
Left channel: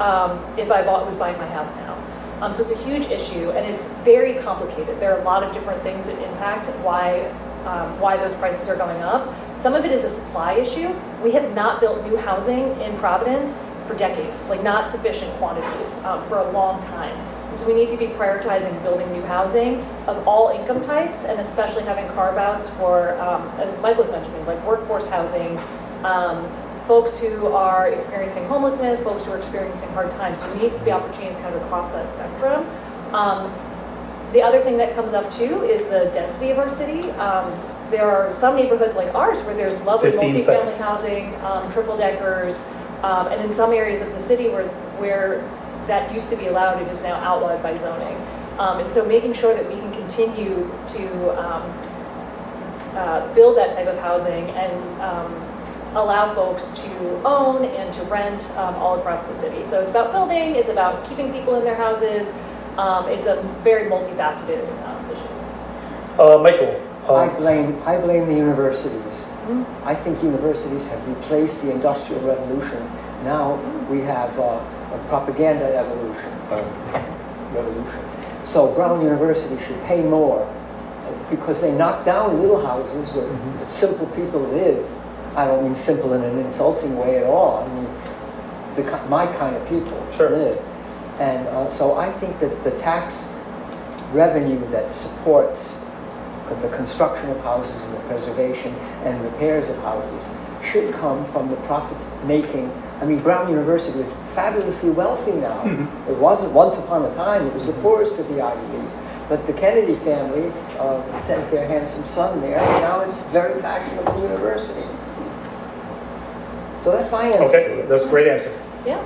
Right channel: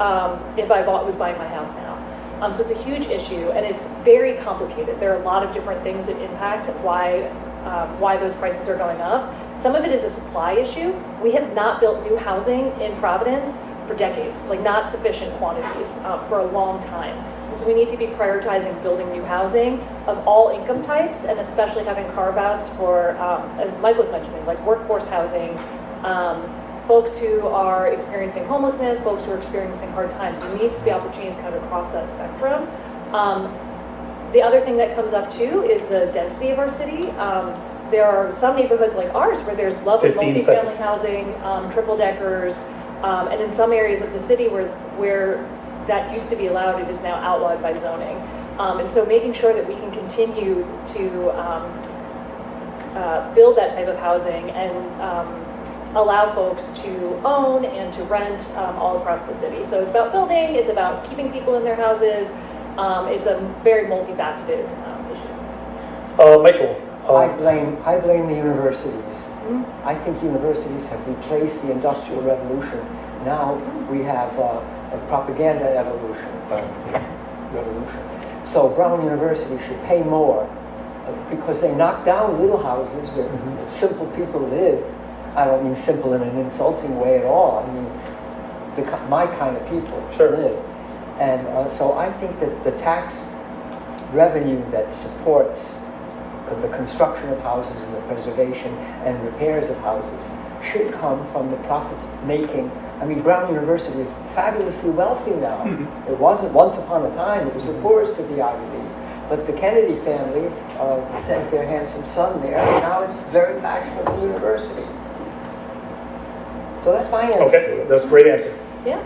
I was buying my house now. So it's a huge issue, and it's very complicated. There are a lot of different things that impact why those prices are going up. Some of it is a supply issue. We have not built new housing in Providence for decades, like not sufficient quantities for a long time. And so we need to be prioritizing building new housing of all income types, and especially having carve-outs for, as Mike was mentioning, like workforce housing, folks who are experiencing homelessness, folks who are experiencing hard times. There needs to be opportunities kind of across that spectrum. The other thing that comes up too is the density of our city. There are some neighborhoods like ours where there's lovely 15 multifamily seconds. housing, triple deckers, and in some areas of the city where that used to be allowed, it is now outlawed by zoning. And so making sure that we can continue to build that type of housing and allow folks to own and to rent all across the city. So it's about building, it's about keeping people in their houses. It's a very multifaceted issue. Michael. I blame the universities. I think universities have replaced the Industrial Revolution. Now we have a propaganda revolution. So Brown University should pay more because they knock down little houses where simple people live. I don't mean simple in an insulting way at all. I mean my kind of people live. And so I think that the tax revenue that supports the construction of houses and the preservation and repairs of houses should come from the profit-making. I mean, Brown University is fabulously wealthy now. It wasn't once upon a time. It was the poorest of the Ivy League. But the Kennedy family sent their handsome son there, and now it's a very fashionable university. So that's my answer. Okay, that's a great answer. Yeah.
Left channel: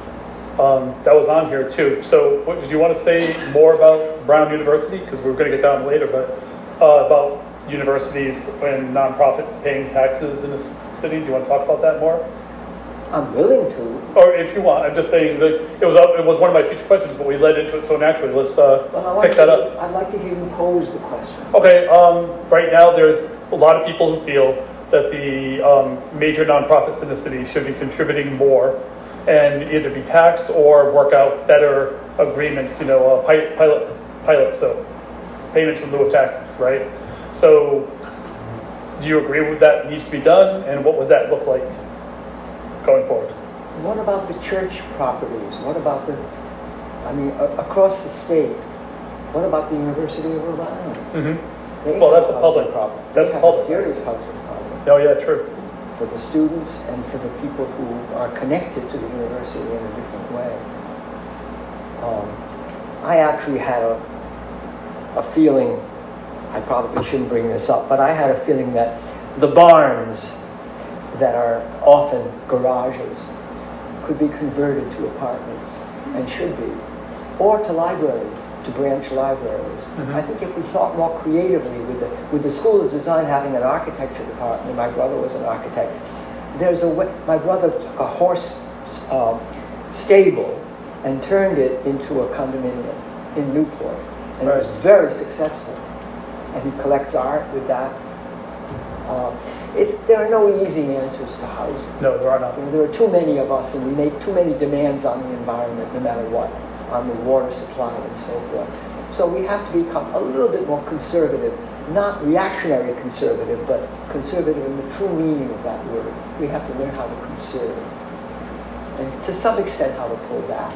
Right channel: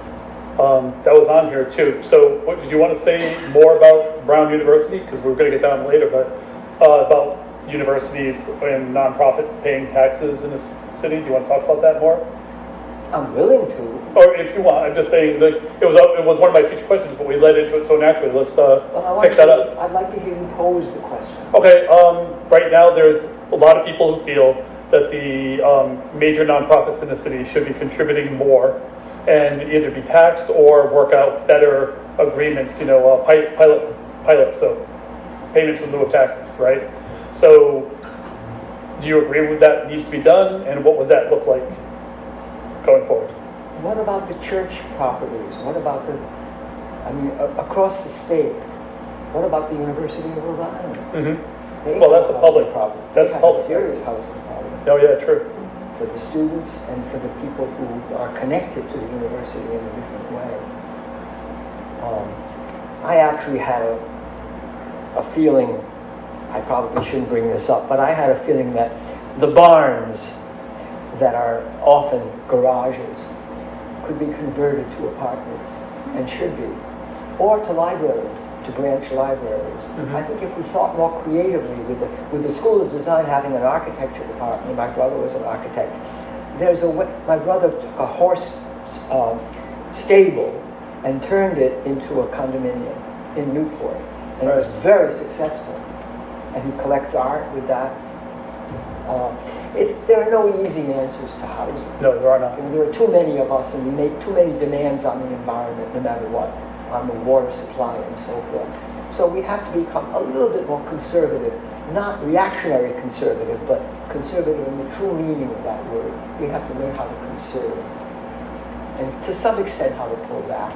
that was on here too. So what, did you want to say more about Brown University? Because we're going to get down later, but about universities and nonprofits paying taxes in this city. Do you want to talk about that more? I'm willing to. Or if you want, I'm just saying that it was one of my future questions, but we led into it so naturally. Let's pick that up. I'd like to hear you pose the question. Okay, right now there's a lot of people who feel that the major nonprofits in the city should be contributing more and either be taxed or work out better agreements, pilot, so payments in lieu of taxes, right? So do you agree with that needs to be done, and what would that look like going forward? What about the church properties? What about across the state? What about the University of Rhode Island? Mm-hmm. Well, that's a public problem. That's public. Serious housing problem. Oh, yeah, true. For the students and for the people who are connected to the university in a different way. I actually had a feeling, I probably shouldn't bring this up, but I had a feeling that the barns that are often garages could be converted to apartments, and should be, or to libraries, to branch libraries. Mm-hmm. I think if we thought more creatively with the School of Design having an architecture department, my brother was an architect, my brother took a horse stable and turned it into a condominium in Newport, and it was very successful. And he collects art with that. There are no easy answers to housing. No, there are not. I mean, there are too many of us, and we make too many demands on the environment, no matter what, on the water supply and so forth. So we have to become a little bit more conservative, not reactionary conservative, but conservative in the true meaning of that word. We have to learn how to conserve, and to some extent how to pull back.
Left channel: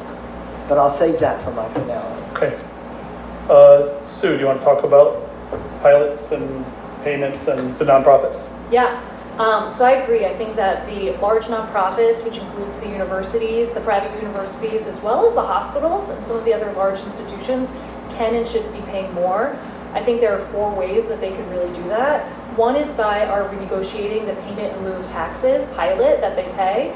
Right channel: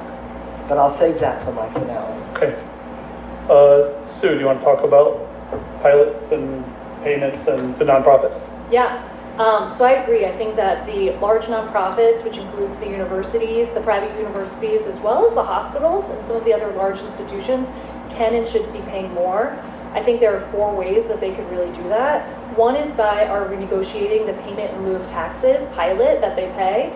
But I'll save that for my finale. Okay. Sue, do you want to talk about pilots and payments and the nonprofits? Yeah, so I agree. I think that the large nonprofits, which includes the universities, the private universities, as well as the hospitals and some of the other large institutions, can and should be paying more. I think there are 4 ways that they could really do that. One is by our renegotiating the payment in lieu of taxes pilot that they pay.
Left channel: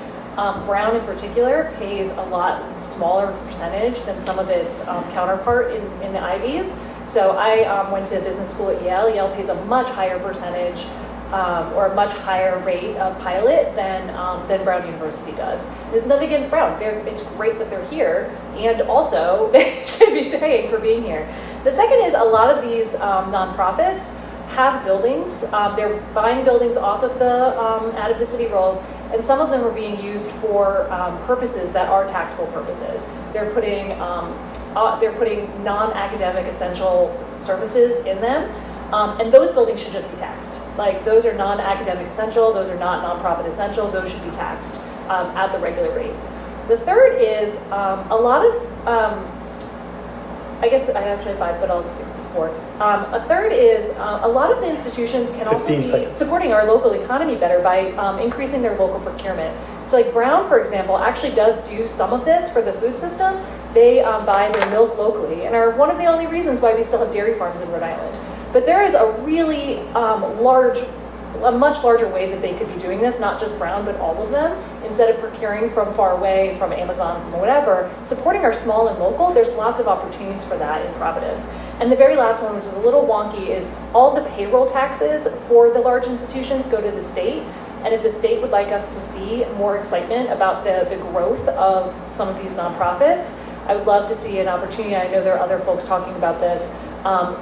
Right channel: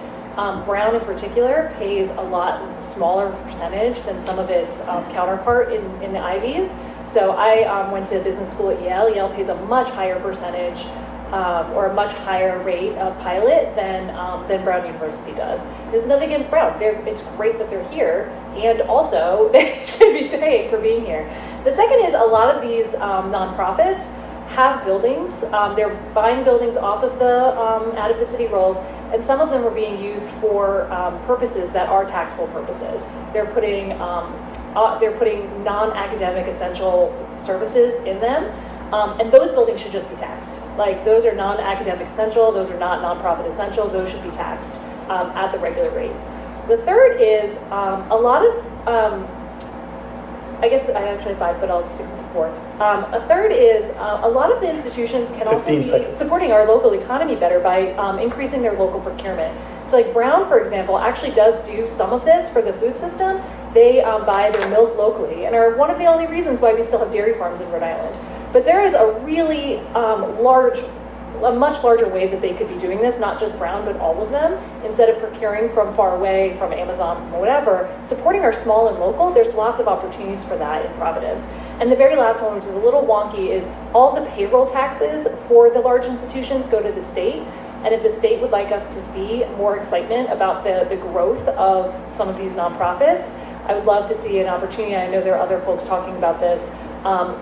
Brown in particular pays a lot smaller percentage than some of its counterpart in the Ivies. So I went to business school at Yale. Yale pays a much higher percentage or a much higher rate of pilot than Brown University does. There's nothing against Brown. It's great that they're here, and also they should be paying for being here. The second is a lot of these nonprofits have buildings. They're buying buildings off of out of the city rolls, and some of them are being used for purposes that are taxable purposes. They're putting non-academic essential services in them, and those buildings should just be taxed. Like, those are non-academic essential, those are not nonprofit essential, those should be taxed at the regular rate. The third is a lot of, I guess I actually have 5, but I'll stick with 4. A third is a lot of the institutions can also be supporting our local economy better by increasing their local procurement. So like Brown, for example, actually does do some of this for the food system. They buy their milk locally and are one of the only reasons why we still have dairy farms in Rhode Island. But there is a really a much larger way that they could be doing this, not just Brown, but all of them. Instead of procuring from far away, from Amazon, from whatever, supporting our small and local, there's lots of opportunities for that in Providence. And the very last one, which is a little wonky, is all the payroll taxes for the large institutions go to the state. And if the state would like us to see more excitement about the growth of some of these nonprofits, I would love to see an opportunity. I know there are other folks talking about this,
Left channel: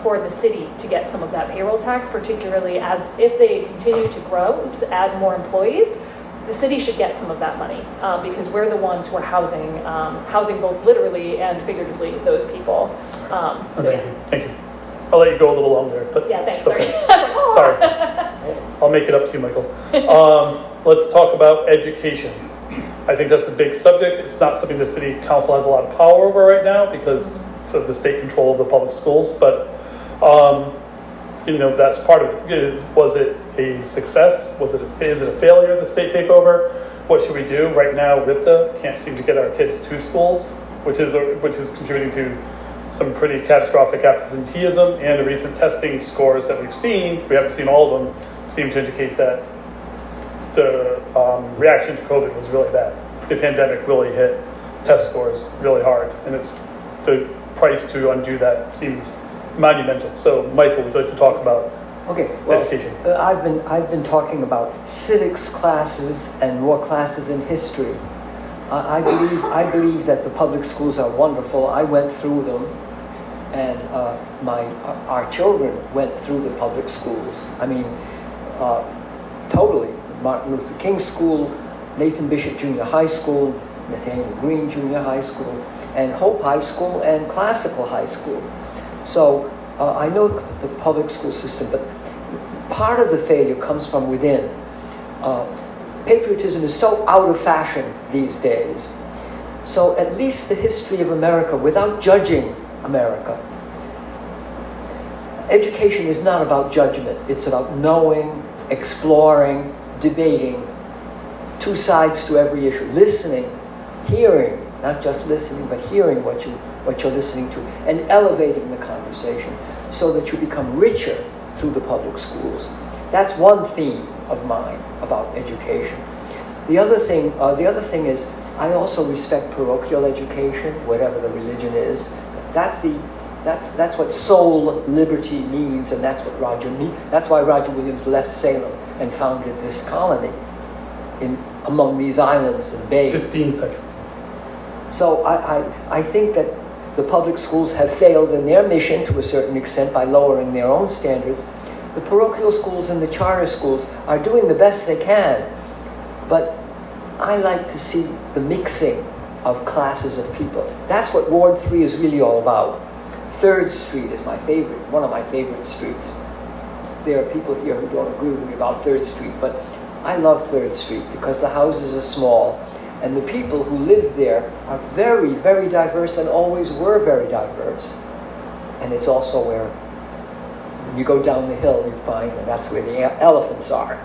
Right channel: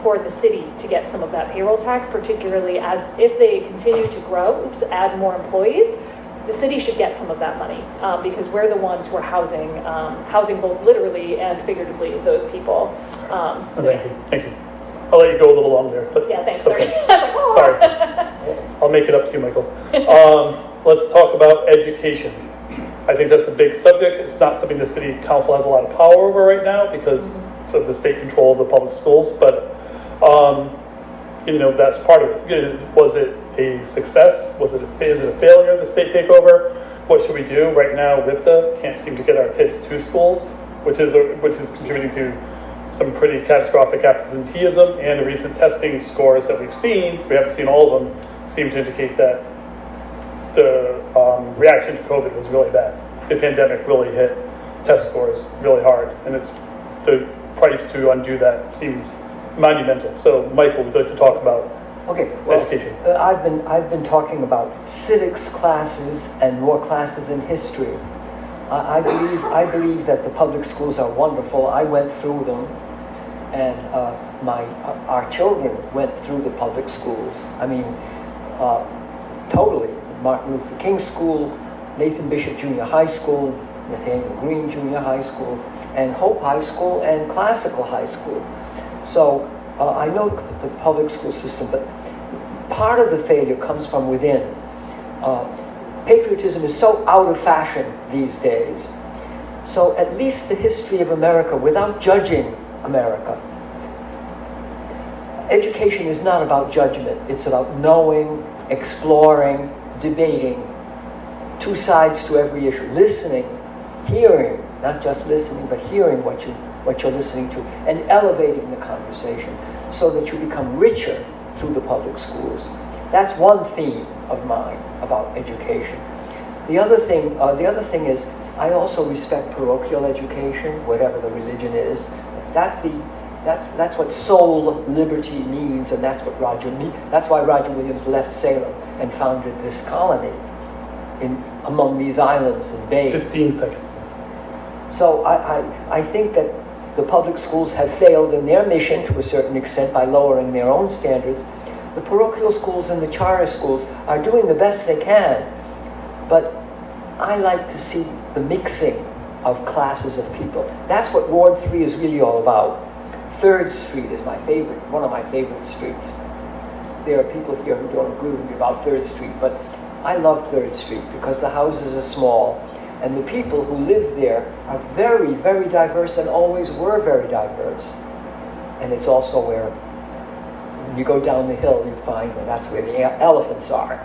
for the city to get some of that payroll tax, particularly as if they continue to grow, add more employees, the city should get some of that money because we're the ones who are housing both literally and figuratively those people. Thank you. I'll let you go a little longer. But yeah, thanks. okay. Sorry. I was like, oh. Sorry. I'll make it up to you, Michael. Let's talk about education. I think that's a big subject. It's not something the city council has a lot of power over right now because of the state control of the public schools, but that's part of it. Was it a success? Is it a failure of the state takeover? What should we do right now with can't seem to get our kids to schools, which is contributing to some pretty catastrophic absenteeism, and the recent testing scores that we've seen, we haven't seen all of them, seem to indicate that the reaction to COVID was really bad. The pandemic really hit test scores really hard, and it's the price to undo that seems monumental. So, Michael, would you like to talk about Okay, well, education? I've been talking about civics classes and more classes in history. I believe that the public schools are wonderful. I went through them, and our children went through the public schools. I mean, totally. Martin Luther King School, Nathan Bishop Junior High School, Nathaniel Green Junior High School, and Hope High School, and Classical High School. So I know the public school system, but part of the failure comes from within. Patriotism is so out of fashion these days. So at least the history of America, without judging America, education is not about judgment. It's about knowing, exploring, debating, two sides to every issue, listening, hearing, not just listening, but hearing what you're listening to, and elevating the conversation so that you become richer through the public schools. That's one theme of mine about education. The other thing is, I also respect parochial education, whatever the religion is. That's what soul liberty means, and that's why Roger Williams left Salem and founded this colony among these islands and bays. 15 seconds. So I think that the public schools have failed in their mission to a certain extent by lowering their own standards. The parochial schools and the charter schools are doing the best they can, but I like to see the mixing of classes of people. That's what Ward 3 is really all about. 3rd Street is one of my favorite streets. There are people here who don't agree with me about 3rd Street, but I love 3rd Street because the houses are small, and the people who live there are very, very diverse and always were very diverse. And it's also where, when you go down the hill, you find that that's where the elephants are.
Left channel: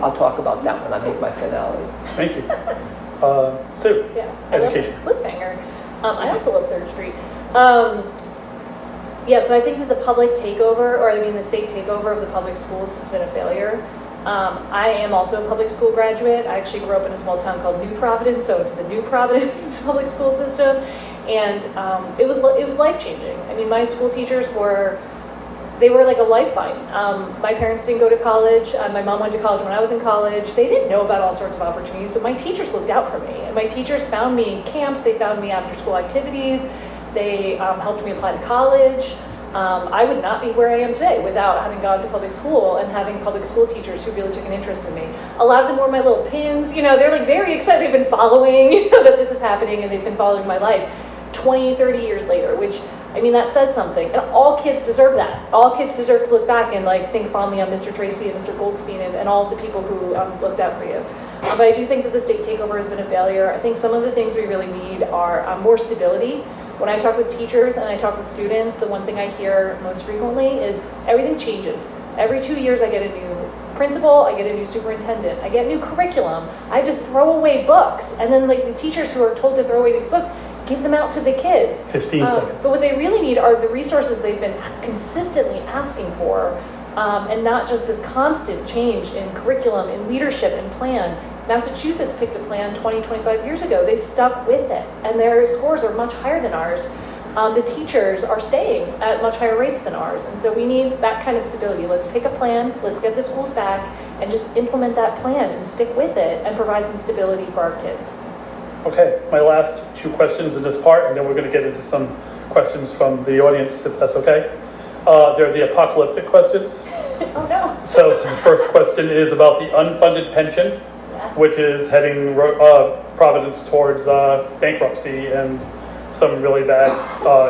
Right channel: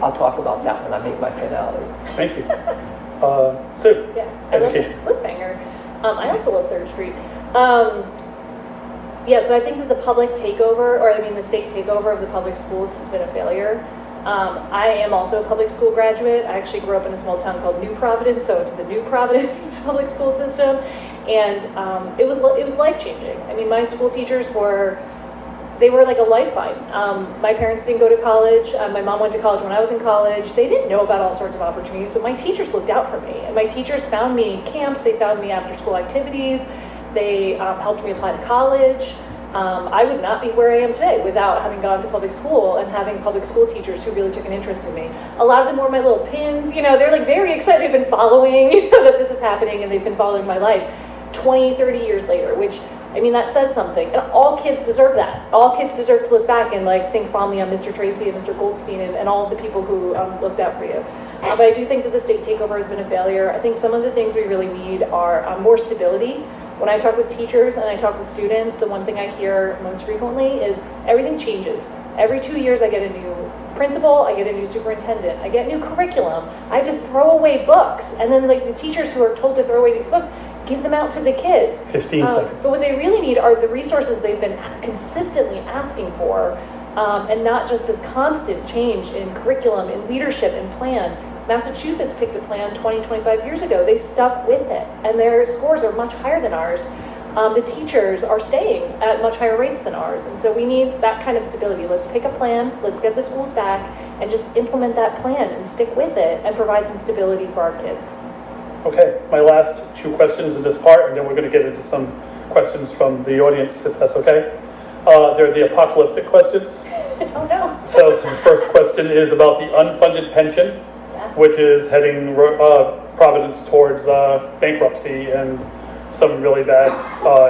I'll talk about that when I make my finale. Thank you. Sue, Yeah, education. I love Cliffhanger. I also love 3rd Street. Yeah, so I think that the public takeover, the state takeover of the public schools has been a failure. I am also a public school graduate. I actually grew up in a small town called New Providence, so it's the New Providence public school system, and it was life-changing. I mean, my school teachers were like a lifeline. My parents didn't go to college. My mom went to college when I was in college. They didn't know about all sorts of opportunities, but my teachers looked out for me. And my teachers found me in camps. They found me after school activities. They helped me apply to college. I would not be where I am today without having gone to public school and having public school teachers who really took an interest in me. A lot of them were my little pins. They're like very excited. They've been following, that this is happening, and they've been following my life 20, 30 years later, which, that says something. And all kids deserve that. All kids deserve to look back and think fondly on Mr. Tracy and Mr. Goldstein and all the people who looked out for you. But I do think that the state takeover has been a failure. I think some of the things we really need are more stability. When I talk with teachers and I talk with students, the one thing I hear most frequently is everything changes. Every 2 years I get a new principal, I get a new superintendent, I get new curriculum, I have to throw away books. And then the teachers who are told to throw away these books, give them out to the kids. 15 seconds. But what they really need are the resources they've been consistently asking for, and not just this constant change in curriculum, in leadership, and plan. Massachusetts picked a plan 20, 25 years ago. They stuck with it, and their scores are much higher than ours. The teachers are staying at much higher rates than ours, and so we need that kind of stability. Let's pick a plan, let's get the schools back, and just implement that plan and stick with it and provide some stability for our kids. Okay, my last 2 questions in this part, and then we're going to get into some questions from the audience, if that's okay. They're the apocalyptic questions. Oh no. So the first question is about the unfunded pension, which is heading Providence towards bankruptcy and some really bad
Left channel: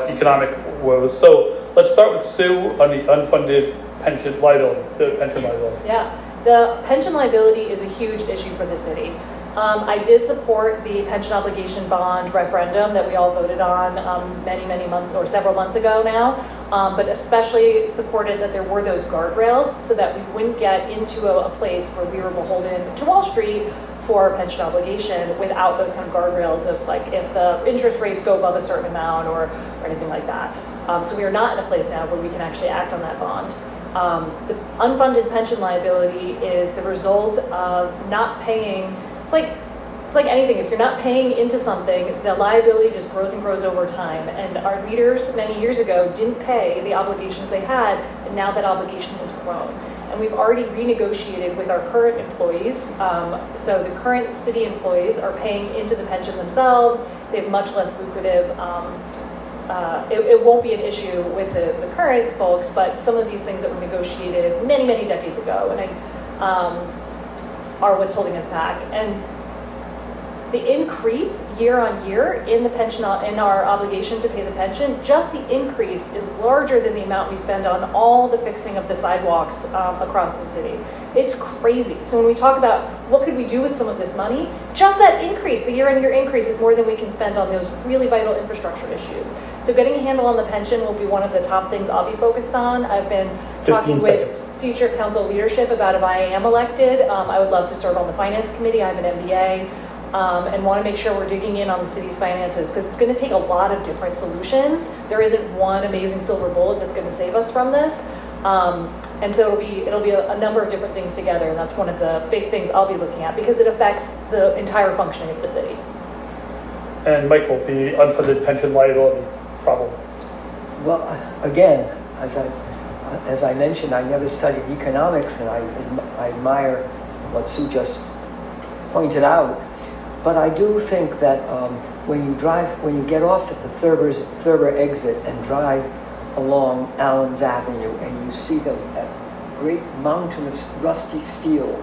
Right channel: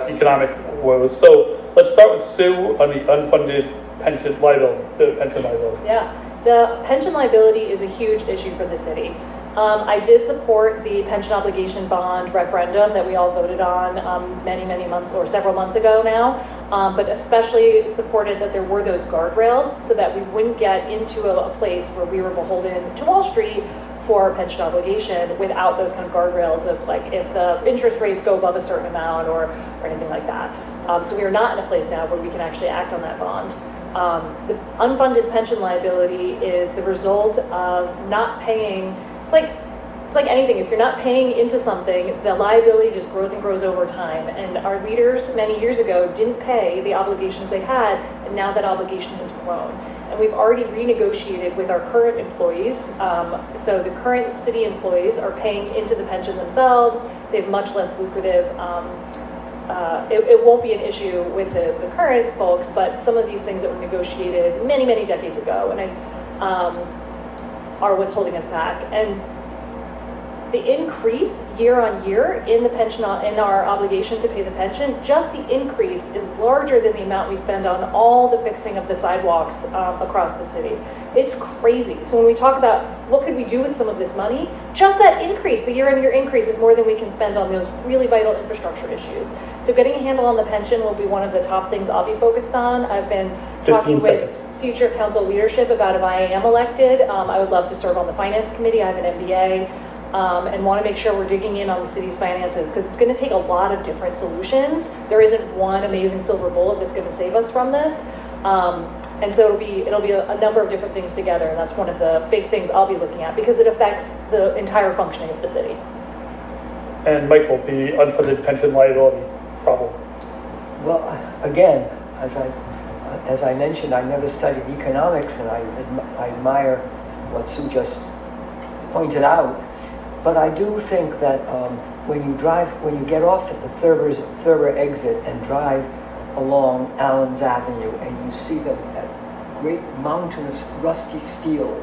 economic woes. So let's start with Sue on the unfunded pension liability, the pension liability. Yeah, the pension liability is a huge issue for the city. I did support the pension obligation bond referendum that we all voted on many months or several months ago now, but especially supported that there were those guardrails so that we wouldn't get into a place where we were beholden to Wall Street for a pension obligation without those kind of guardrails of if the interest rates go above a certain amount or anything like that. So we are not in a place now where we can actually act on that bond. The unfunded pension liability is the result of not paying. It's like it's like anything, if you're not paying into something, the liability just grows and grows over time. And our leaders many years ago didn't pay the obligations they had, and now that obligation has grown. And we've already renegotiated with our current employees. So the current city employees are paying into the pension themselves. They have much less lucrative, it won't be an issue with the current folks, but some of these things that were negotiated many, many decades ago and are what's holding us back. And the increase year on year in the pension, in our obligation to pay the pension, just the increase is larger than the amount we spend on all the fixing of the sidewalks across the city. It's crazy. So when we talk about what could we do with some of this money, just that increase, the year-on-year increase, is more than we can spend on those really vital infrastructure issues. So getting a handle on the pension will be one of the top things I'll be focused on. I've been talking with future council leadership about if I am elected, I would love to serve on the finance committee. I have an MBA. And want to make sure we're digging in on the city's finances, because it's going to take a lot of different solutions. There isn't one amazing silver bullet that's going to save us from this. And so it'll be a number of different things together, and that's one of the big things I'll be looking at, because it affects the entire functioning of the city. And Michael, the unfunded pension liability problem. Well, again, as I mentioned, I never studied economics, and I admire what Sue just pointed out. But I do think that when you get off at the Thurber exit and drive along Allen's Avenue, and you see that great mountain of rusty steel,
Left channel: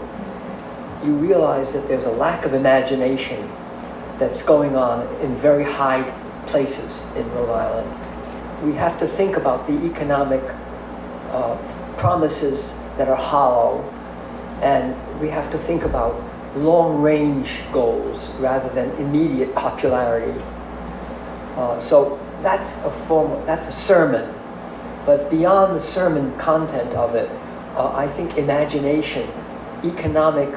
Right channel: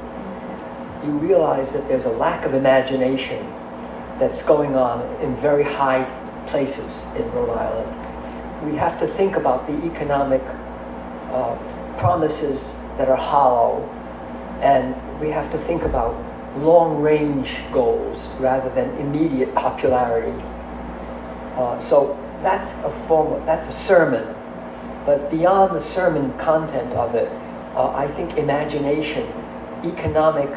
you realize that there's a lack of imagination that's going on in very high places in Rhode Island. We have to think about the economic promises that are hollow, and we have to think about long-range goals rather than immediate popularity. So that's a sermon, but beyond the sermon content of it, I think imagination, economic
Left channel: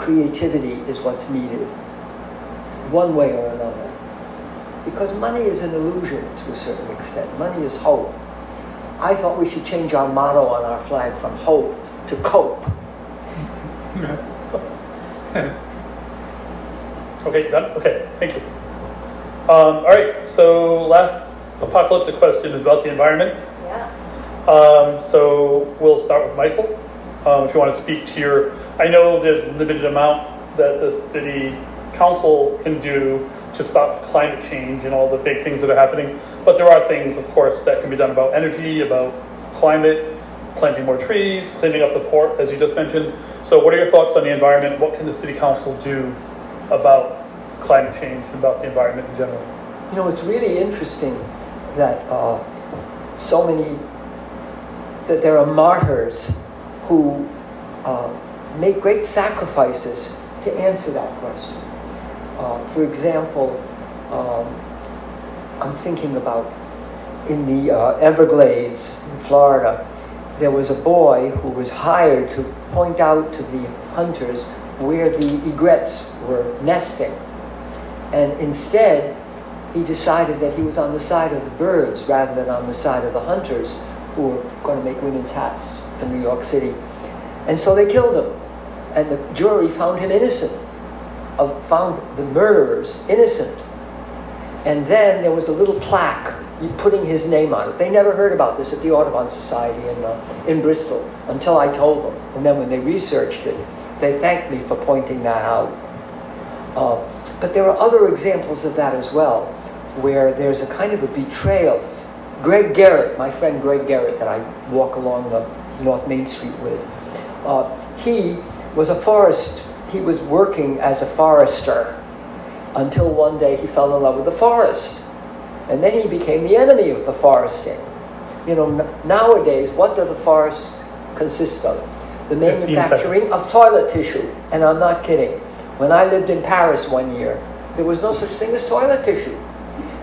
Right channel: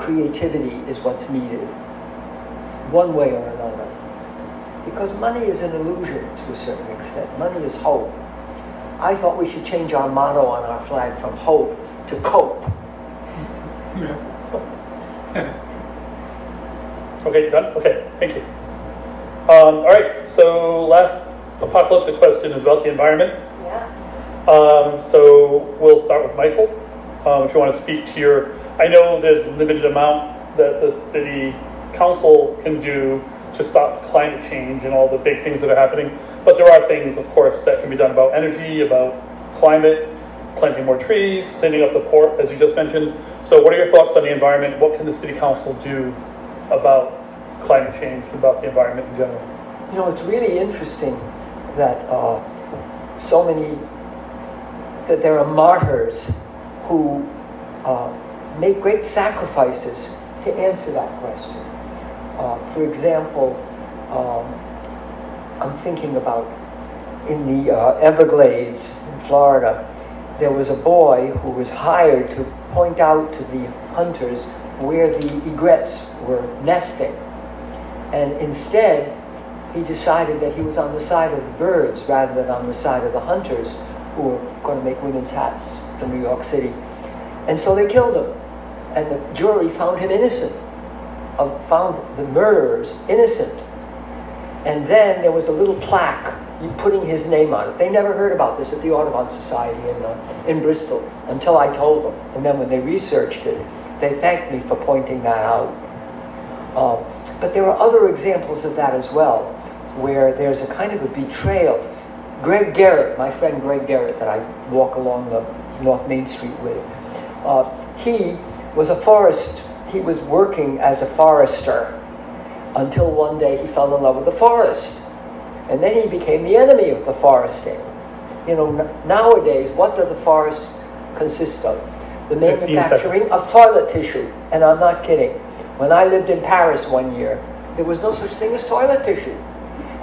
creativity is what's needed, one way or another. Because money is an illusion to a certain extent. Money is hope. I thought we should change our motto on our flag from hope to cope. Okay, done? Okay, thank you. All right, so last apocalyptic question is about the environment. Yeah. So we'll start with Michael. If you want to speak to your, I know there's a limited amount that the city council can do to stop climate change and all the big things that are happening, but there are things, of course, that can be done about energy, about climate, planting more trees, cleaning up the port, as you just mentioned. So what are your thoughts on the environment? What can the city council do about climate change, about the environment in general? You know, it's really interesting that that there are martyrs who make great sacrifices to answer that question. For example, I'm thinking about in the Everglades in Florida, there was a boy who was hired to point out to the hunters where the egrets were nesting. And instead, he decided that he was on the side of the birds rather than on the side of the hunters who were going to make women's hats for New York City. And so they killed him. And the jury found him innocent, found the murderers innocent. And then there was a little plaque putting his name on it. They never heard about this at the Audubon Society in Bristol until I told them. And then when they researched it, they thanked me for pointing that out. But there are other examples of that as well, where there's a kind of a betrayal. Greg Garrett, my friend Greg Garrett, that I walk along the North Main Street with, he was he was working as a forester until one day he fell in love with the forest. And then he became the enemy of the foresting. You know, nowadays, what do the forests consist of? The manufacturing of toilet tissue. And I'm not kidding. When I lived in Paris one year, there was no such thing as toilet tissue.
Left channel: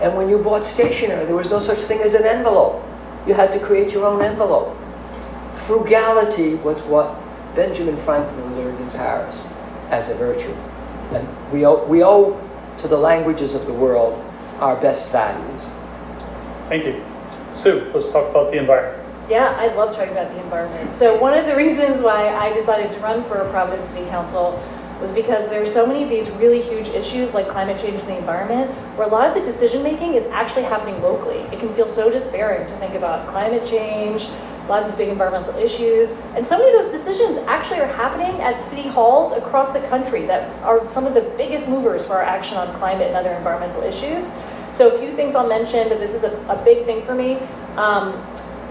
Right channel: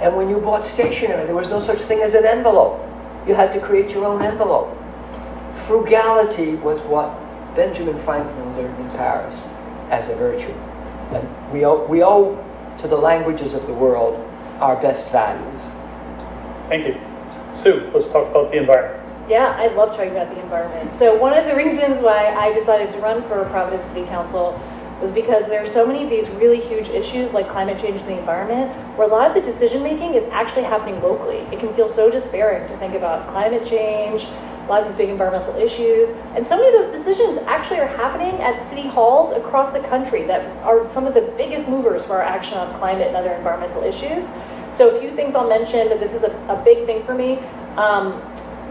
And when you bought stationery, there was no such thing as an envelope. You had to create your own envelope. Frugality was what Benjamin Franklin learned in Paris as a virtue. And we owe to the languages of the world our best values. Thank you. Sue, let's talk about the environment. Yeah, I love talking about the environment. So one of the reasons why I decided to run for Providence City Council was because there are so many of these really huge issues like climate change and the environment, where a lot of the decision making is actually happening locally. It can feel so despairing to think about climate change, a lot of these big environmental issues, and so many of those decisions actually are happening at city halls across the country that are some of the biggest movers for our action on climate and other environmental issues. So a few things I'll mention, but this is a big thing for me.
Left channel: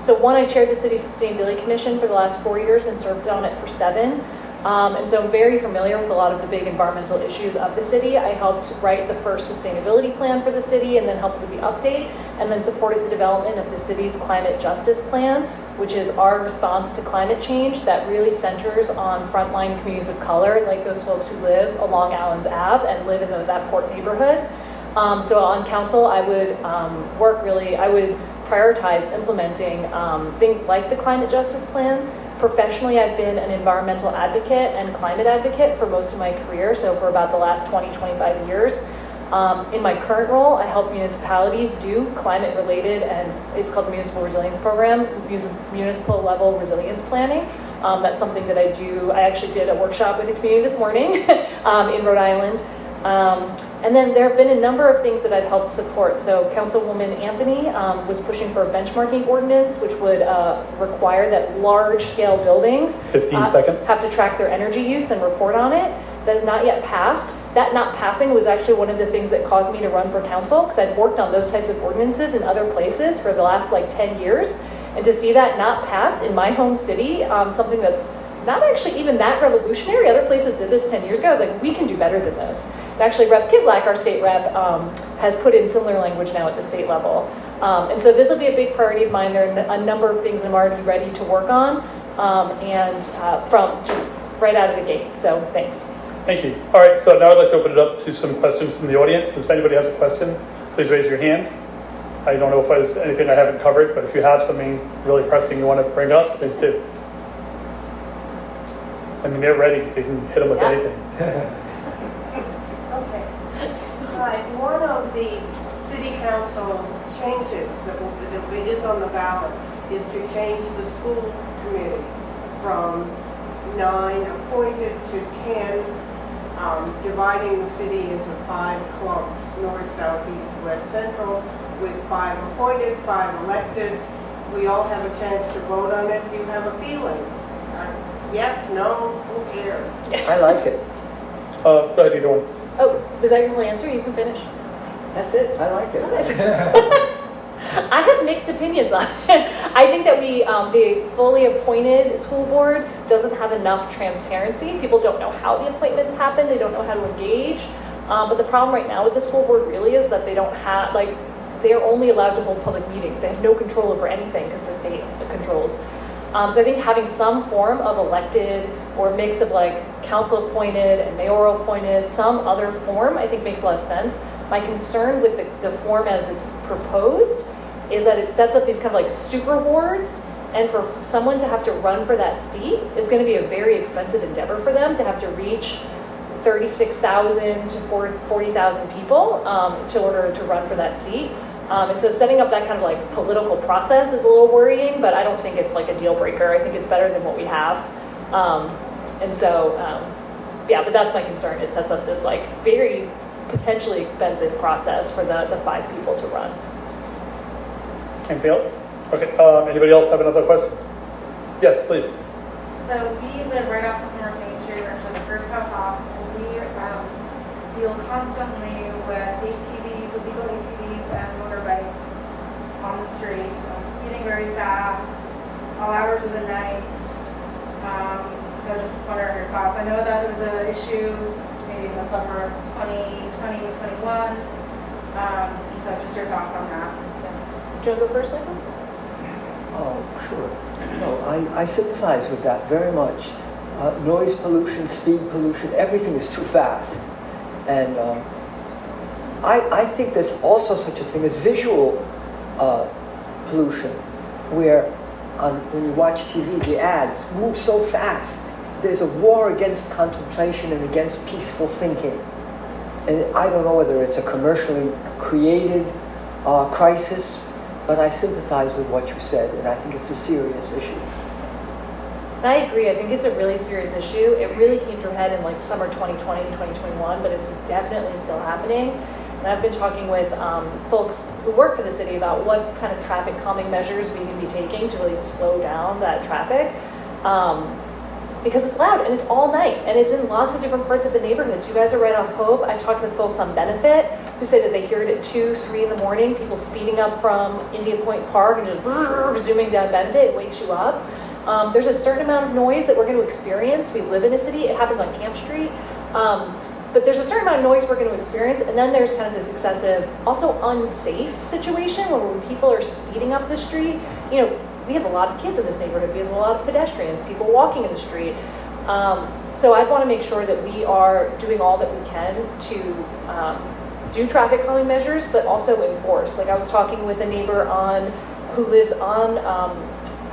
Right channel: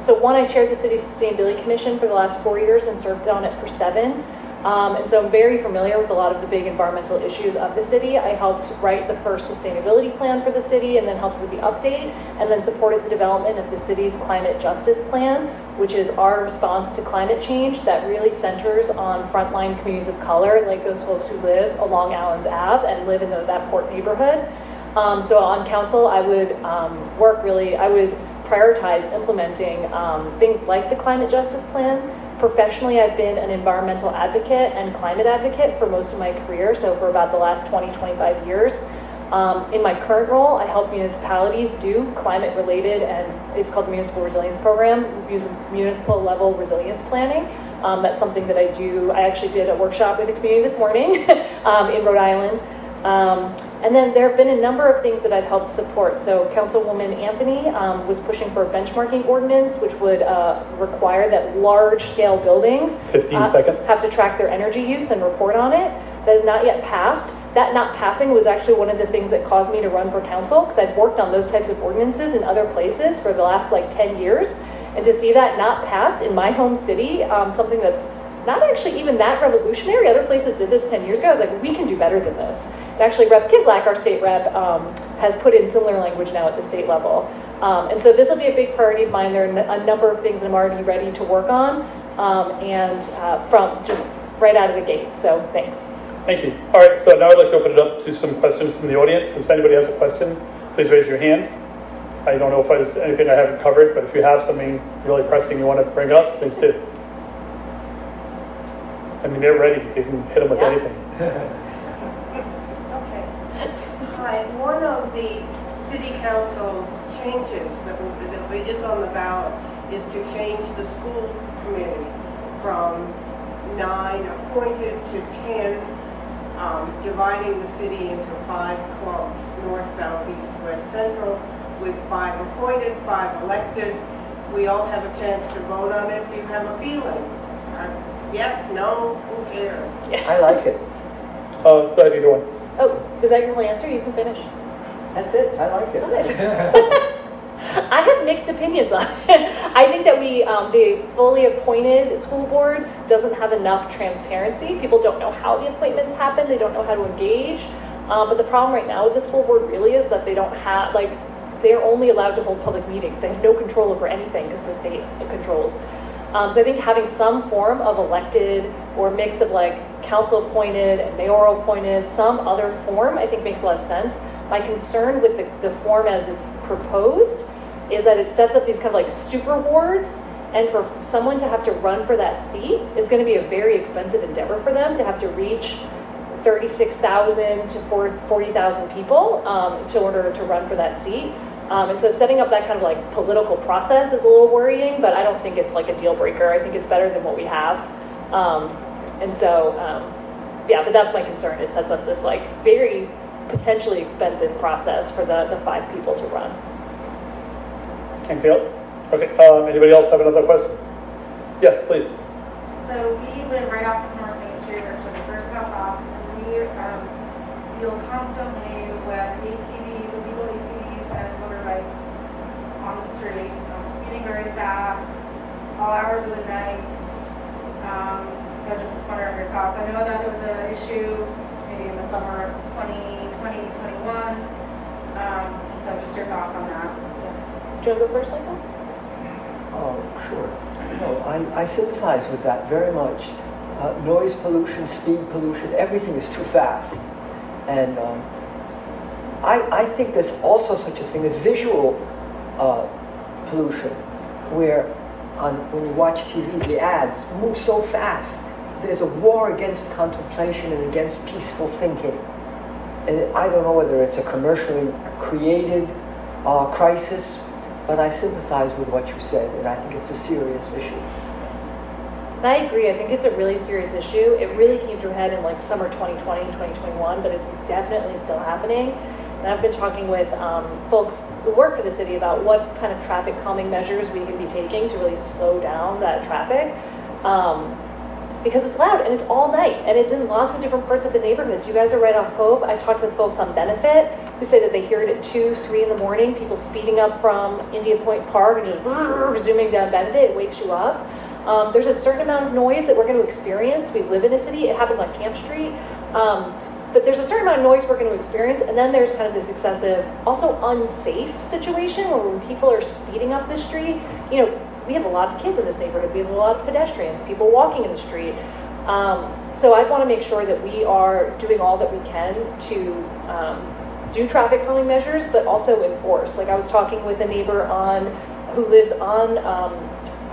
So one, I chaired the City Sustainability Commission for the last 4 years and served on it for 7. And so I'm very familiar with a lot of the big environmental issues of the city. I helped write the first sustainability plan for the city and then helped with the update, and then supported the development of the city's climate justice plan, which is our response to climate change that really centers on frontline communities of color, like those folks who live along Allens Ave and live in that poor neighborhood. So on council, I would I would prioritize implementing things like the climate justice plan. Professionally, I've been an environmental advocate and climate advocate for most of my career, so for about the last 20, 25 years. In my current role, I help municipalities do climate-related, and it's called the Municipal Resilience Program, municipal level resilience planning. That's something that I do. I actually did a workshop with the community this morning in Rhode Island. And then there have been a number of things that I've helped support. So Councilwoman Anthony was pushing for a benchmarking ordinance, which would require that large-scale buildings 15 seconds. have to track their energy use and report on it. That is not yet passed. That not passing was actually one of the things that caused me to run for council, because I've worked on those types of ordinances in other places for the last 10 years. And to see that not pass in my home city, something that's not actually even that revolutionary, other places did this 10 years ago, I was like, we can do better than this. Actually, Rep. Kislak, our state rep, has put in similar language now at the state level. And so this will be a big priority of mine. There are a number of things I'm already ready to work on, and from just right out of the gate. So thanks. Thank you. All right, so now I'd like to open it up to some questions from the audience. If anybody has a question, please raise your hand. I don't know if there's anything I haven't covered, but if you have something really pressing you want to bring up, please do. I mean, they're ready. You can hit them with anything. Hi, one of the city council's changes that is on the ballot is to change the school committee from 9 appointed to 10, dividing the city into 5 clumps, north, south, east, west, central, with 5 appointed, 5 elected. We all have a chance to vote on it. Do you have a feeling? Yes, no, who cares? I like it. Go ahead, you go. Oh, was that your whole answer? You can finish. That's it. I like it. I have mixed opinions on it. I think that the fully appointed school board doesn't have enough transparency. People don't know how the appointments happen. They don't know how to engage. But the problem right now with the school board really is that they don't have, they're only allowed to hold public meetings. They have no control over anything because the state controls. So I think having some form of elected or mix of council appointed and mayoral appointed, some other form, I think makes a lot of sense. My concern with the form as it's proposed is that it sets up these kind of super boards, and for someone to have to run for that seat is going to be a very expensive endeavor for them to have to reach 36,000 to 40,000 people in order to run for that seat. And so setting up that kind of political process is a little worrying, but I don't think it's a deal breaker. I think it's better than what we have. Yeah, but that's my concern. It sets up this very potentially expensive process for the 5 people to run. Anything else? Okay, anybody else have another question? Yes, please. So we live right off of North Main Street, actually the first house off, and we deal constantly with ATVs, illegal ATVs, and motorbikes on the street, speeding very fast, all hours of the night. So just wondering your thoughts. I know that it was an issue maybe in the summer of 2020, 21. So just your thoughts on that. Do you want to go first, Michael? Oh, sure. No, I sympathize with that very much. Noise pollution, speed pollution, everything is too fast. And I think there's also such a thing as visual pollution, where when you watch TV, the ads move so fast. There's a war against contemplation and against peaceful thinking. And I don't know whether it's a commercially created crisis, but I sympathize with what you said, and I think it's a serious issue. And I agree, I think it's a really serious issue. It really came to a head in like summer 2020 and 2021, but it's definitely still happening. And I've been talking with folks who work for the city about what kind of traffic calming measures we can be taking to really slow down that traffic. Because it's loud and it's all night and it's in lots of different parts of the neighborhoods. You guys are right off Hope. I talked with folks on Benefit who say that they hear it at 2, 3 in the morning, people speeding up from Indian Point Park and just zooming down Benefit. It wakes you up. There's a certain amount of noise that we're going to experience. We live in a city. It happens on Camp Street. But there's a certain amount of noise we're going to experience, and then there's kind of this excessive, also unsafe situation where when people are speeding up the street, you know, we have a lot of kids in this neighborhood, we have a lot of pedestrians, people walking in the street. So I want to make sure that we are doing all that we can to do traffic calming measures, but also enforce. Like I was talking with a neighbor who lives on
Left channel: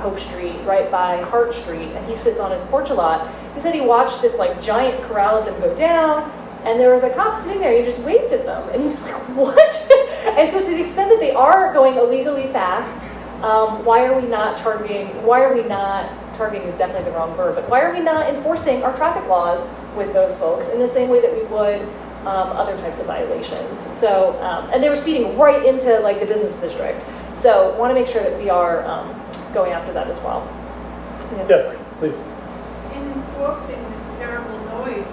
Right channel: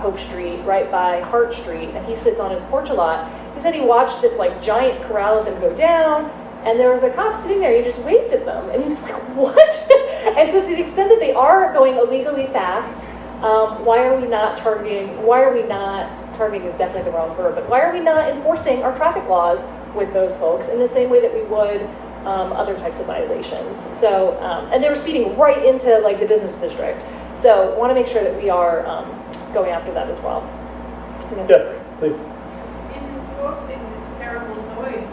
Hope Street, right by Hart Street, and he sits on his porch a lot. He said he watched this like giant corral of them go down, and there was a cop sitting there, he just waved at them, and he was like, what? And so to the extent that they are going illegally fast, why are we not targeting is definitely the wrong word, but why are we not enforcing our traffic laws with those folks in the same way that we would other types of violations? So, and they were speeding right into like the business district. So want to make sure that we are going after that as well. Yes, please. In enforcing this terrible noise,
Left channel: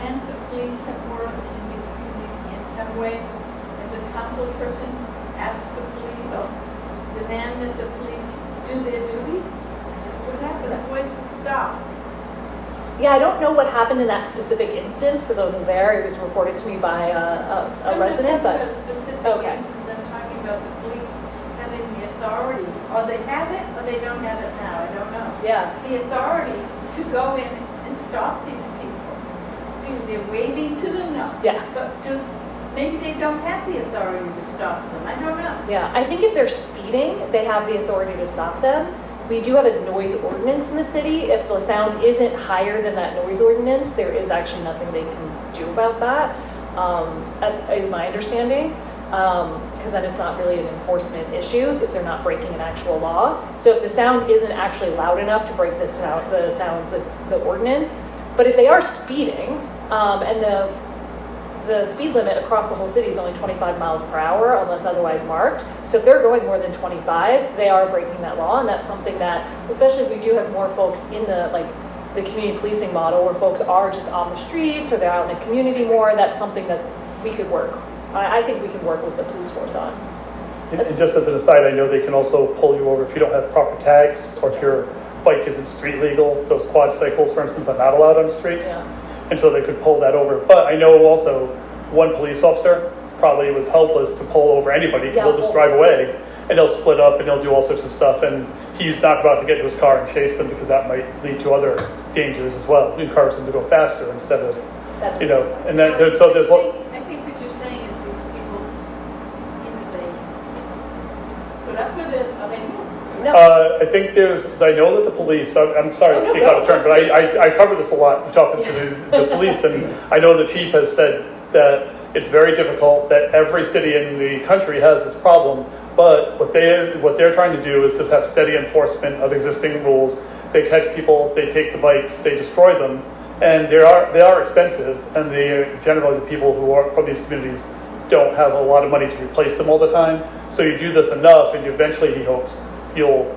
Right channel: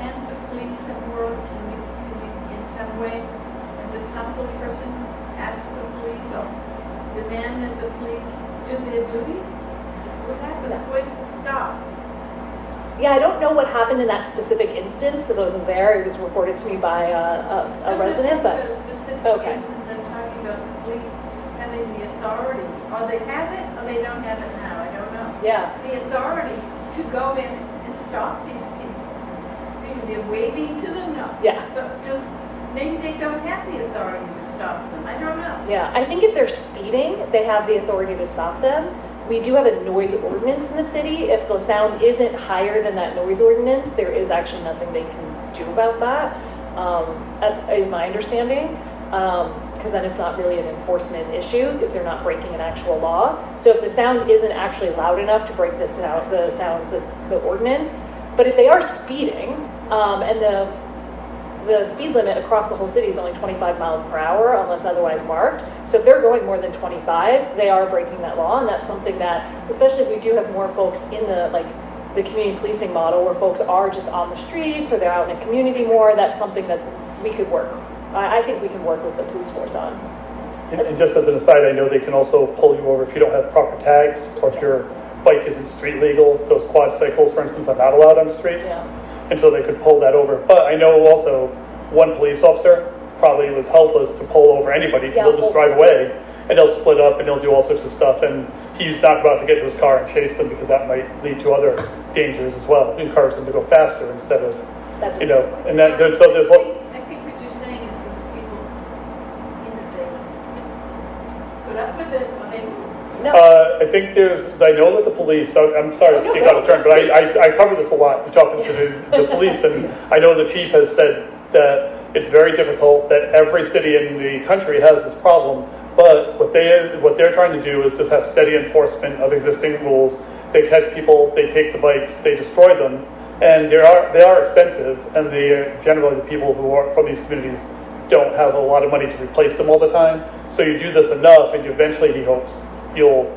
can the police have more, can you in some way, as a council person, ask the police or demand that the police do their duty? Just what happened? Where's the stop? Yeah, I don't know what happened in that specific instance because I wasn't there. It was reported to me by a resident, but A specific okay. instance, I'm talking about the police having the authority, or they have it or they don't have it now, I don't know. Yeah. The authority to go in and stop these people. They're waving to them now. Yeah. But maybe they don't have the authority to stop them. I don't know. Yeah, I think if they're speeding, they have the authority to stop them. We do have a noise ordinance in the city. If the sound isn't higher than that noise ordinance, there is actually nothing they can do about that, is my understanding. Because then it's not really an enforcement issue if they're not breaking an actual law. So if the sound isn't actually loud enough to break the ordinance, but if they are speeding, and the speed limit across the whole city is only 25 miles per hour unless otherwise marked. So if they're going more than 25, they are breaking that law, and that's something that, especially if we do have more folks in the community policing model where folks are just on the streets or they're out in the community more, that's something that we could work. I think we can work with the police force on. And just as an aside, I know they can also pull you over if you don't have proper tags or if your bike isn't street legal. Those quad cycles, for instance, are not allowed on streets. Yeah. And so they could pull that over. But I know also one police officer probably was helpless to pull over anybody because they'll just drive away and they'll split up and they'll do all sorts of stuff. And he's not about to get to his car and chase them because that might lead to other dangers as well. Encourage them to go faster instead of, That's and that so there's. I think what you're saying is these people, they put up with it, or maybe. No. I think I know that the police, I'm sorry to speak out of turn, but I cover this a lot, talking to the police, and I know the chief has said that it's very difficult, that every city in the country has this problem, but what they're trying to do is just have steady enforcement of existing rules. They catch people, they take the bikes, they destroy them, and they are expensive, and generally the people who are from these communities don't have a lot of money to replace them all the time. So you do this enough, and eventually he hopes you'll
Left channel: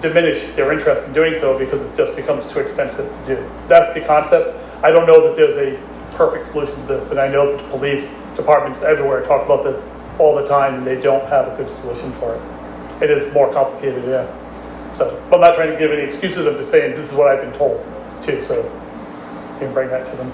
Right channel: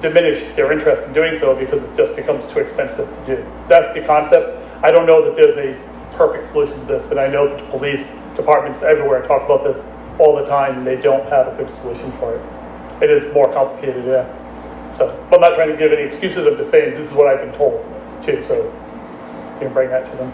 diminish their interest in doing so because it just becomes too expensive to do. That's the concept. I don't know that there's a perfect solution to this, and I know that the police departments everywhere talk about this all the time, and they don't have a good solution for it. It is more complicated, yeah. So, but I'm not trying to give any excuses. I'm just saying this is what I've been told too, so you can bring that to them.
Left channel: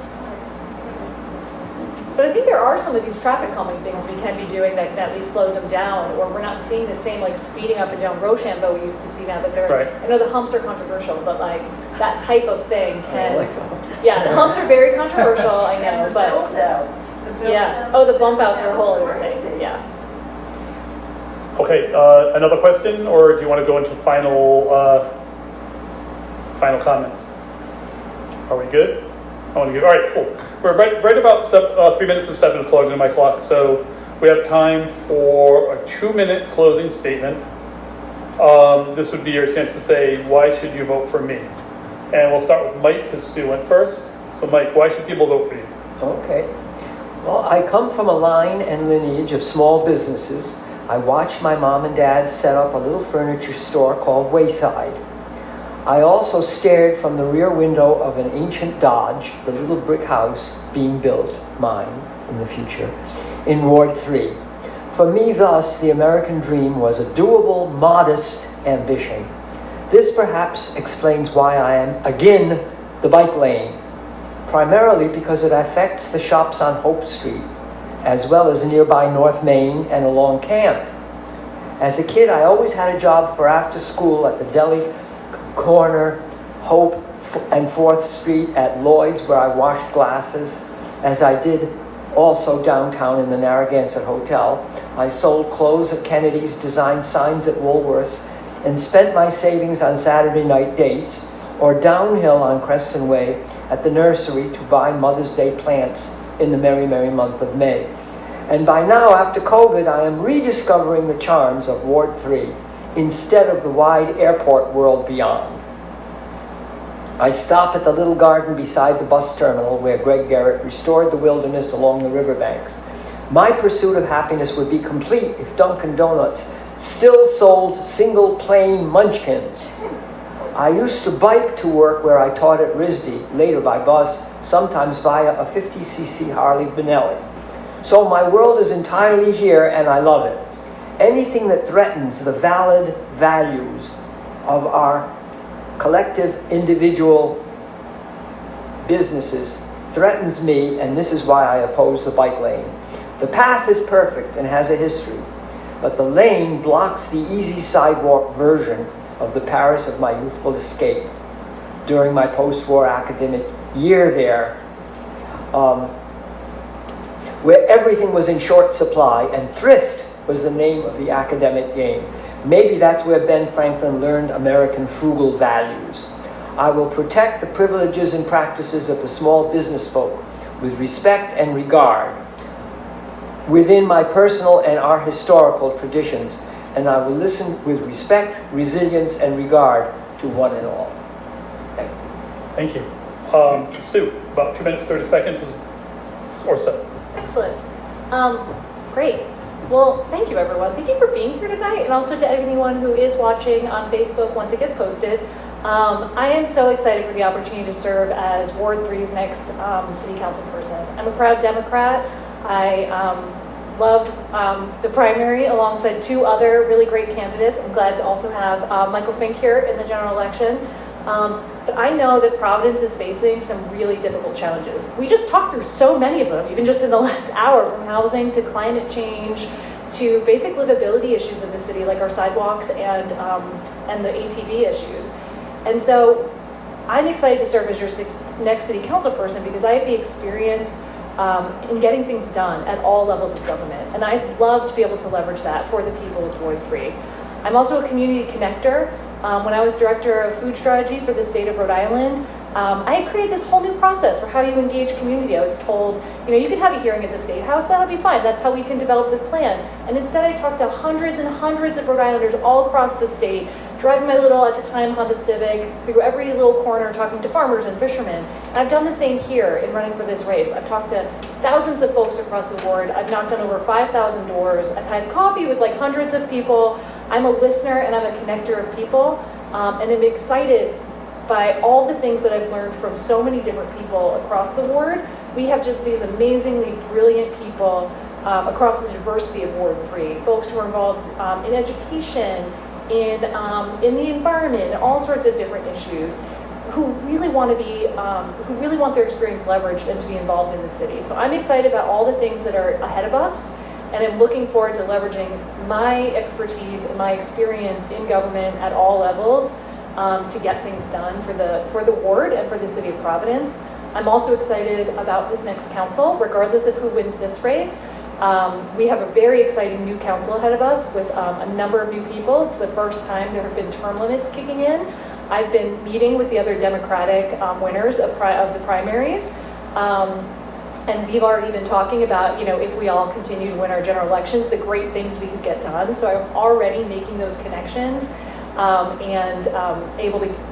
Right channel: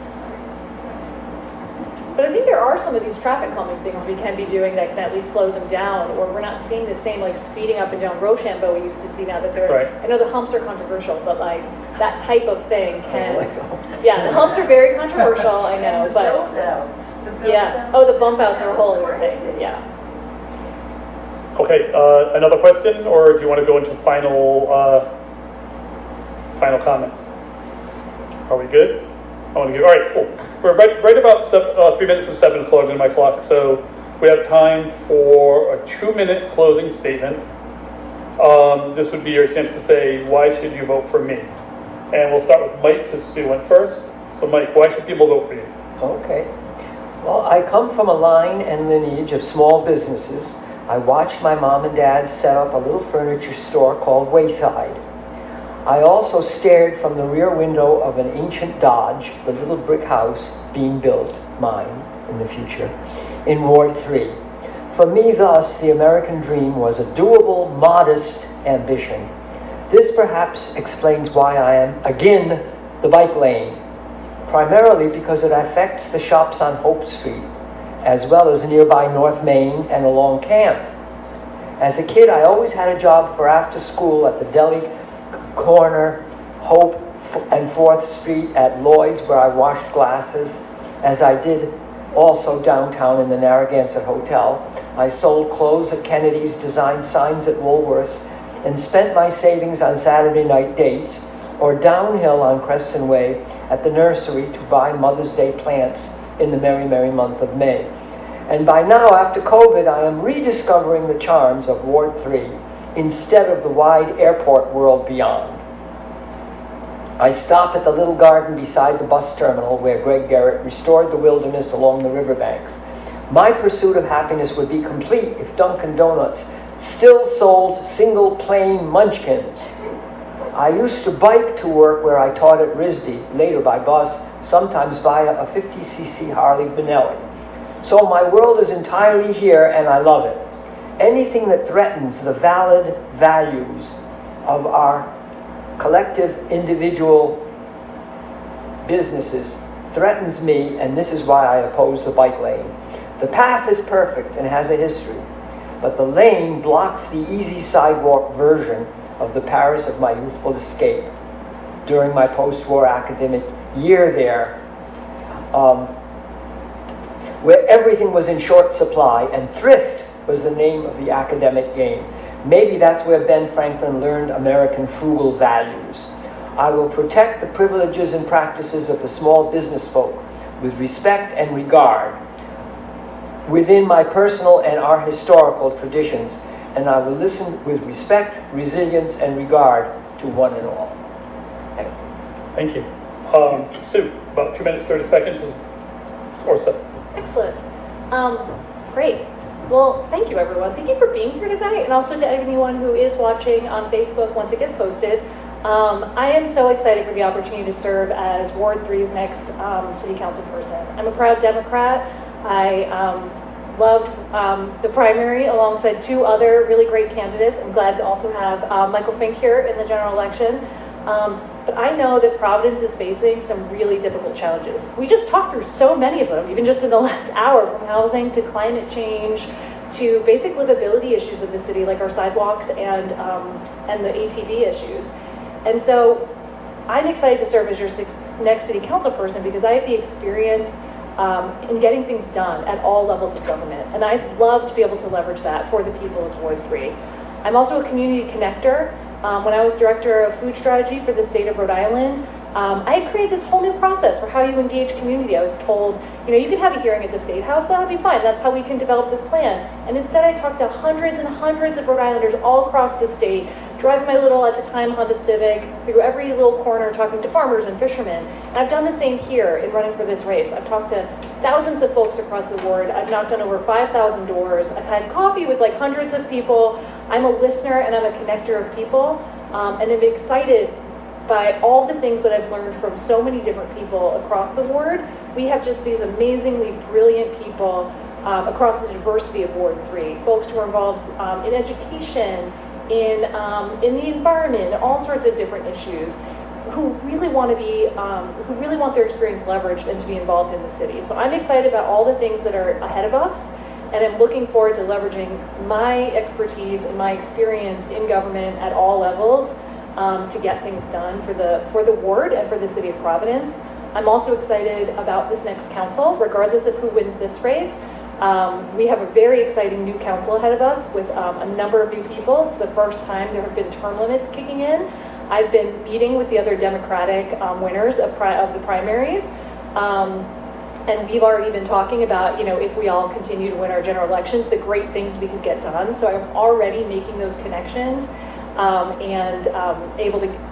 But I think there are some of these traffic calming things we can be doing that can at least slow them down, or we're not seeing the same like speeding up and down Rochambeau we used to see now that they're, Right. I know the humps are controversial, but like that type of thing can, yeah, the humps are very controversial, I know, but yeah, oh, the bump outs are a whole other thing, yeah. Okay, another question, or do you want to go into final comments? Are we good? All right, cool. We're right about 3 minutes of 7 according to my clock, so we have time for a 2-minute closing statement. This would be your chance to say, why should you vote for me? And we'll start with Mike, because Sue went first. So Mike, why should people vote for you? Okay. Well, I come from a line and lineage of small businesses. I watched my mom and dad set up a little furniture store called Wayside. I also stared from the rear window of an ancient Dodge, the little brick house being built, mine, in the future, in Ward 3. For me, thus, the American dream was a doable, modest ambition. This perhaps explains why I am, again, the bike lane, primarily because it affects the shops on Hope Street, as well as nearby North Main and along Camp. As a kid, I always had a job for after school at the deli corner, Hope and 4th Street at Lloyd's, where I washed glasses, as I did also downtown in the Narragansett Hotel. I sold clothes at Kennedy's, designed signs at Woolworth's, and spent my savings on Saturday night dates, or downhill on Creston Way at the nursery to buy Mother's Day plants in the merry, merry month of May. And by now, after COVID, I am rediscovering the charms of Ward 3 instead of the wide airport world beyond. I stop at the little garden beside the bus terminal where Greg Garrett restored the wilderness along the riverbanks. My pursuit of happiness would be complete if Dunkin' Donuts still sold single plain munchkins. I used to bike to work where I taught at RISD, later by bus, sometimes via a 50cc Harley Benelli. So my world is entirely here and I love it. Anything that threatens the valid values of our collective individual businesses threatens me, and this is why I oppose the bike lane. The path is perfect and has a history, but the lane blocks the easy sidewalk version of the Paris of my youthful escape during my post-war academic year there, where everything was in short supply and thrift was the name of the academic game. Maybe that's where Ben Franklin learned American frugal values. I will protect the privileges and practices of the small business folk with respect and regard within my personal and our historical traditions, and I will listen with respect, resilience, and regard to one and all. Thank you. Thank you. Sue, about 2 minutes, 30 seconds or so. Excellent. Great. Well, thank you, everyone. Thank you for being here tonight, and also to anyone who is watching on Facebook once it gets posted. I am so excited for the opportunity to serve as Ward 3's next City Council person. I'm a proud Democrat. I loved the primary alongside 2 other really great candidates. I'm glad to also have Michael Fink here in the general election. But I know that Providence is facing some really difficult challenges. We just talked through so many of them, even just in the last hour, from housing to climate change to basic livability issues in the city, like our sidewalks and the ATV issues. And so I'm excited to serve as your next city council person because I have the experience in getting things done at all levels of government. And I'd love to be able to leverage that for the people of Ward 3. I'm also a community connector. When I was director of food strategy for the state of Rhode Island, I had created this whole new process for how you engage community. I was told, you can have a hearing at the State House, that'll be fine. That's how we can develop this plan. And instead I talked to hundreds and hundreds of Rhode Islanders all across the state, driving my little, at the time, Honda Civic, through every little corner, talking to farmers and fishermen. And I've done the same here in running for this race. I've talked to thousands of folks across the ward. I've knocked on over 5,000 doors. I've had coffee with like hundreds of people. I'm a listener and I'm a connector of people. And I'm excited by all the things that I've learned from so many different people across the ward. We have just these amazingly brilliant people across the diversity of Ward 3. Folks who are involved in education, in the environment, and all sorts of different issues, who really want to be, who really want their experience leveraged and to be involved in the city. So I'm excited about all the things that are ahead of us, and I'm looking forward to leveraging my expertise and my experience in government at all levels to get things done for the ward and for the city of Providence. I'm also excited about this next council, regardless of who wins this race. We have a very exciting new council ahead of us with a number of new people. It's the first time there have been term limits kicking in. I've been meeting with the other Democratic winners of the primaries. And we've already been talking about, if we all continue to win our general elections, the great things we could get done. So I'm already making those connections and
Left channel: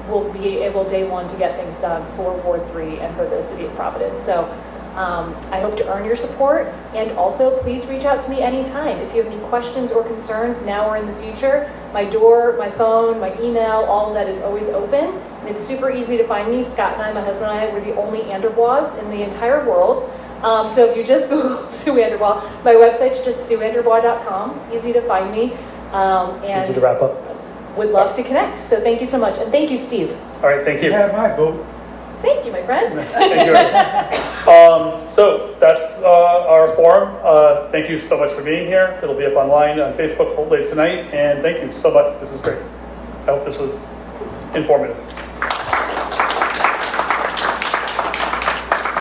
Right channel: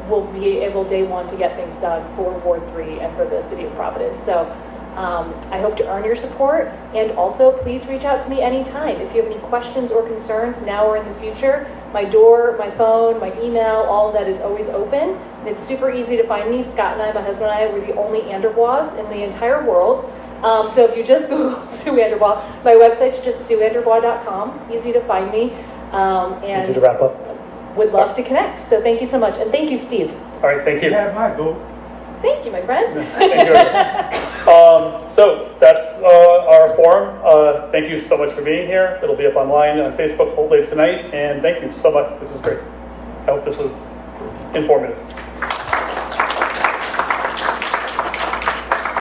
we'll be able day one to get things done for Ward 3 and for the city of Providence. So I hope to earn your support, and also please reach out to me anytime. If you have any questions or concerns now or in the future, my door, my phone, my email, all of that is always open. And it's super easy to find me. Scott and I, my husband and I, we're the only AnderBois in the entire world. So if you just Google Sue AnderBois, my website's just sueanderbois.com. Easy to find me. And to wrap up. would love to connect. So thank you so much. And thank you, Steve. All right, thank you. You have my vote. Thank you, my friend. Thank you. So that's our forum. Thank you so much for being here. It'll be up online on Facebook hopefully tonight. And thank you so much. This is great. I hope this was informative.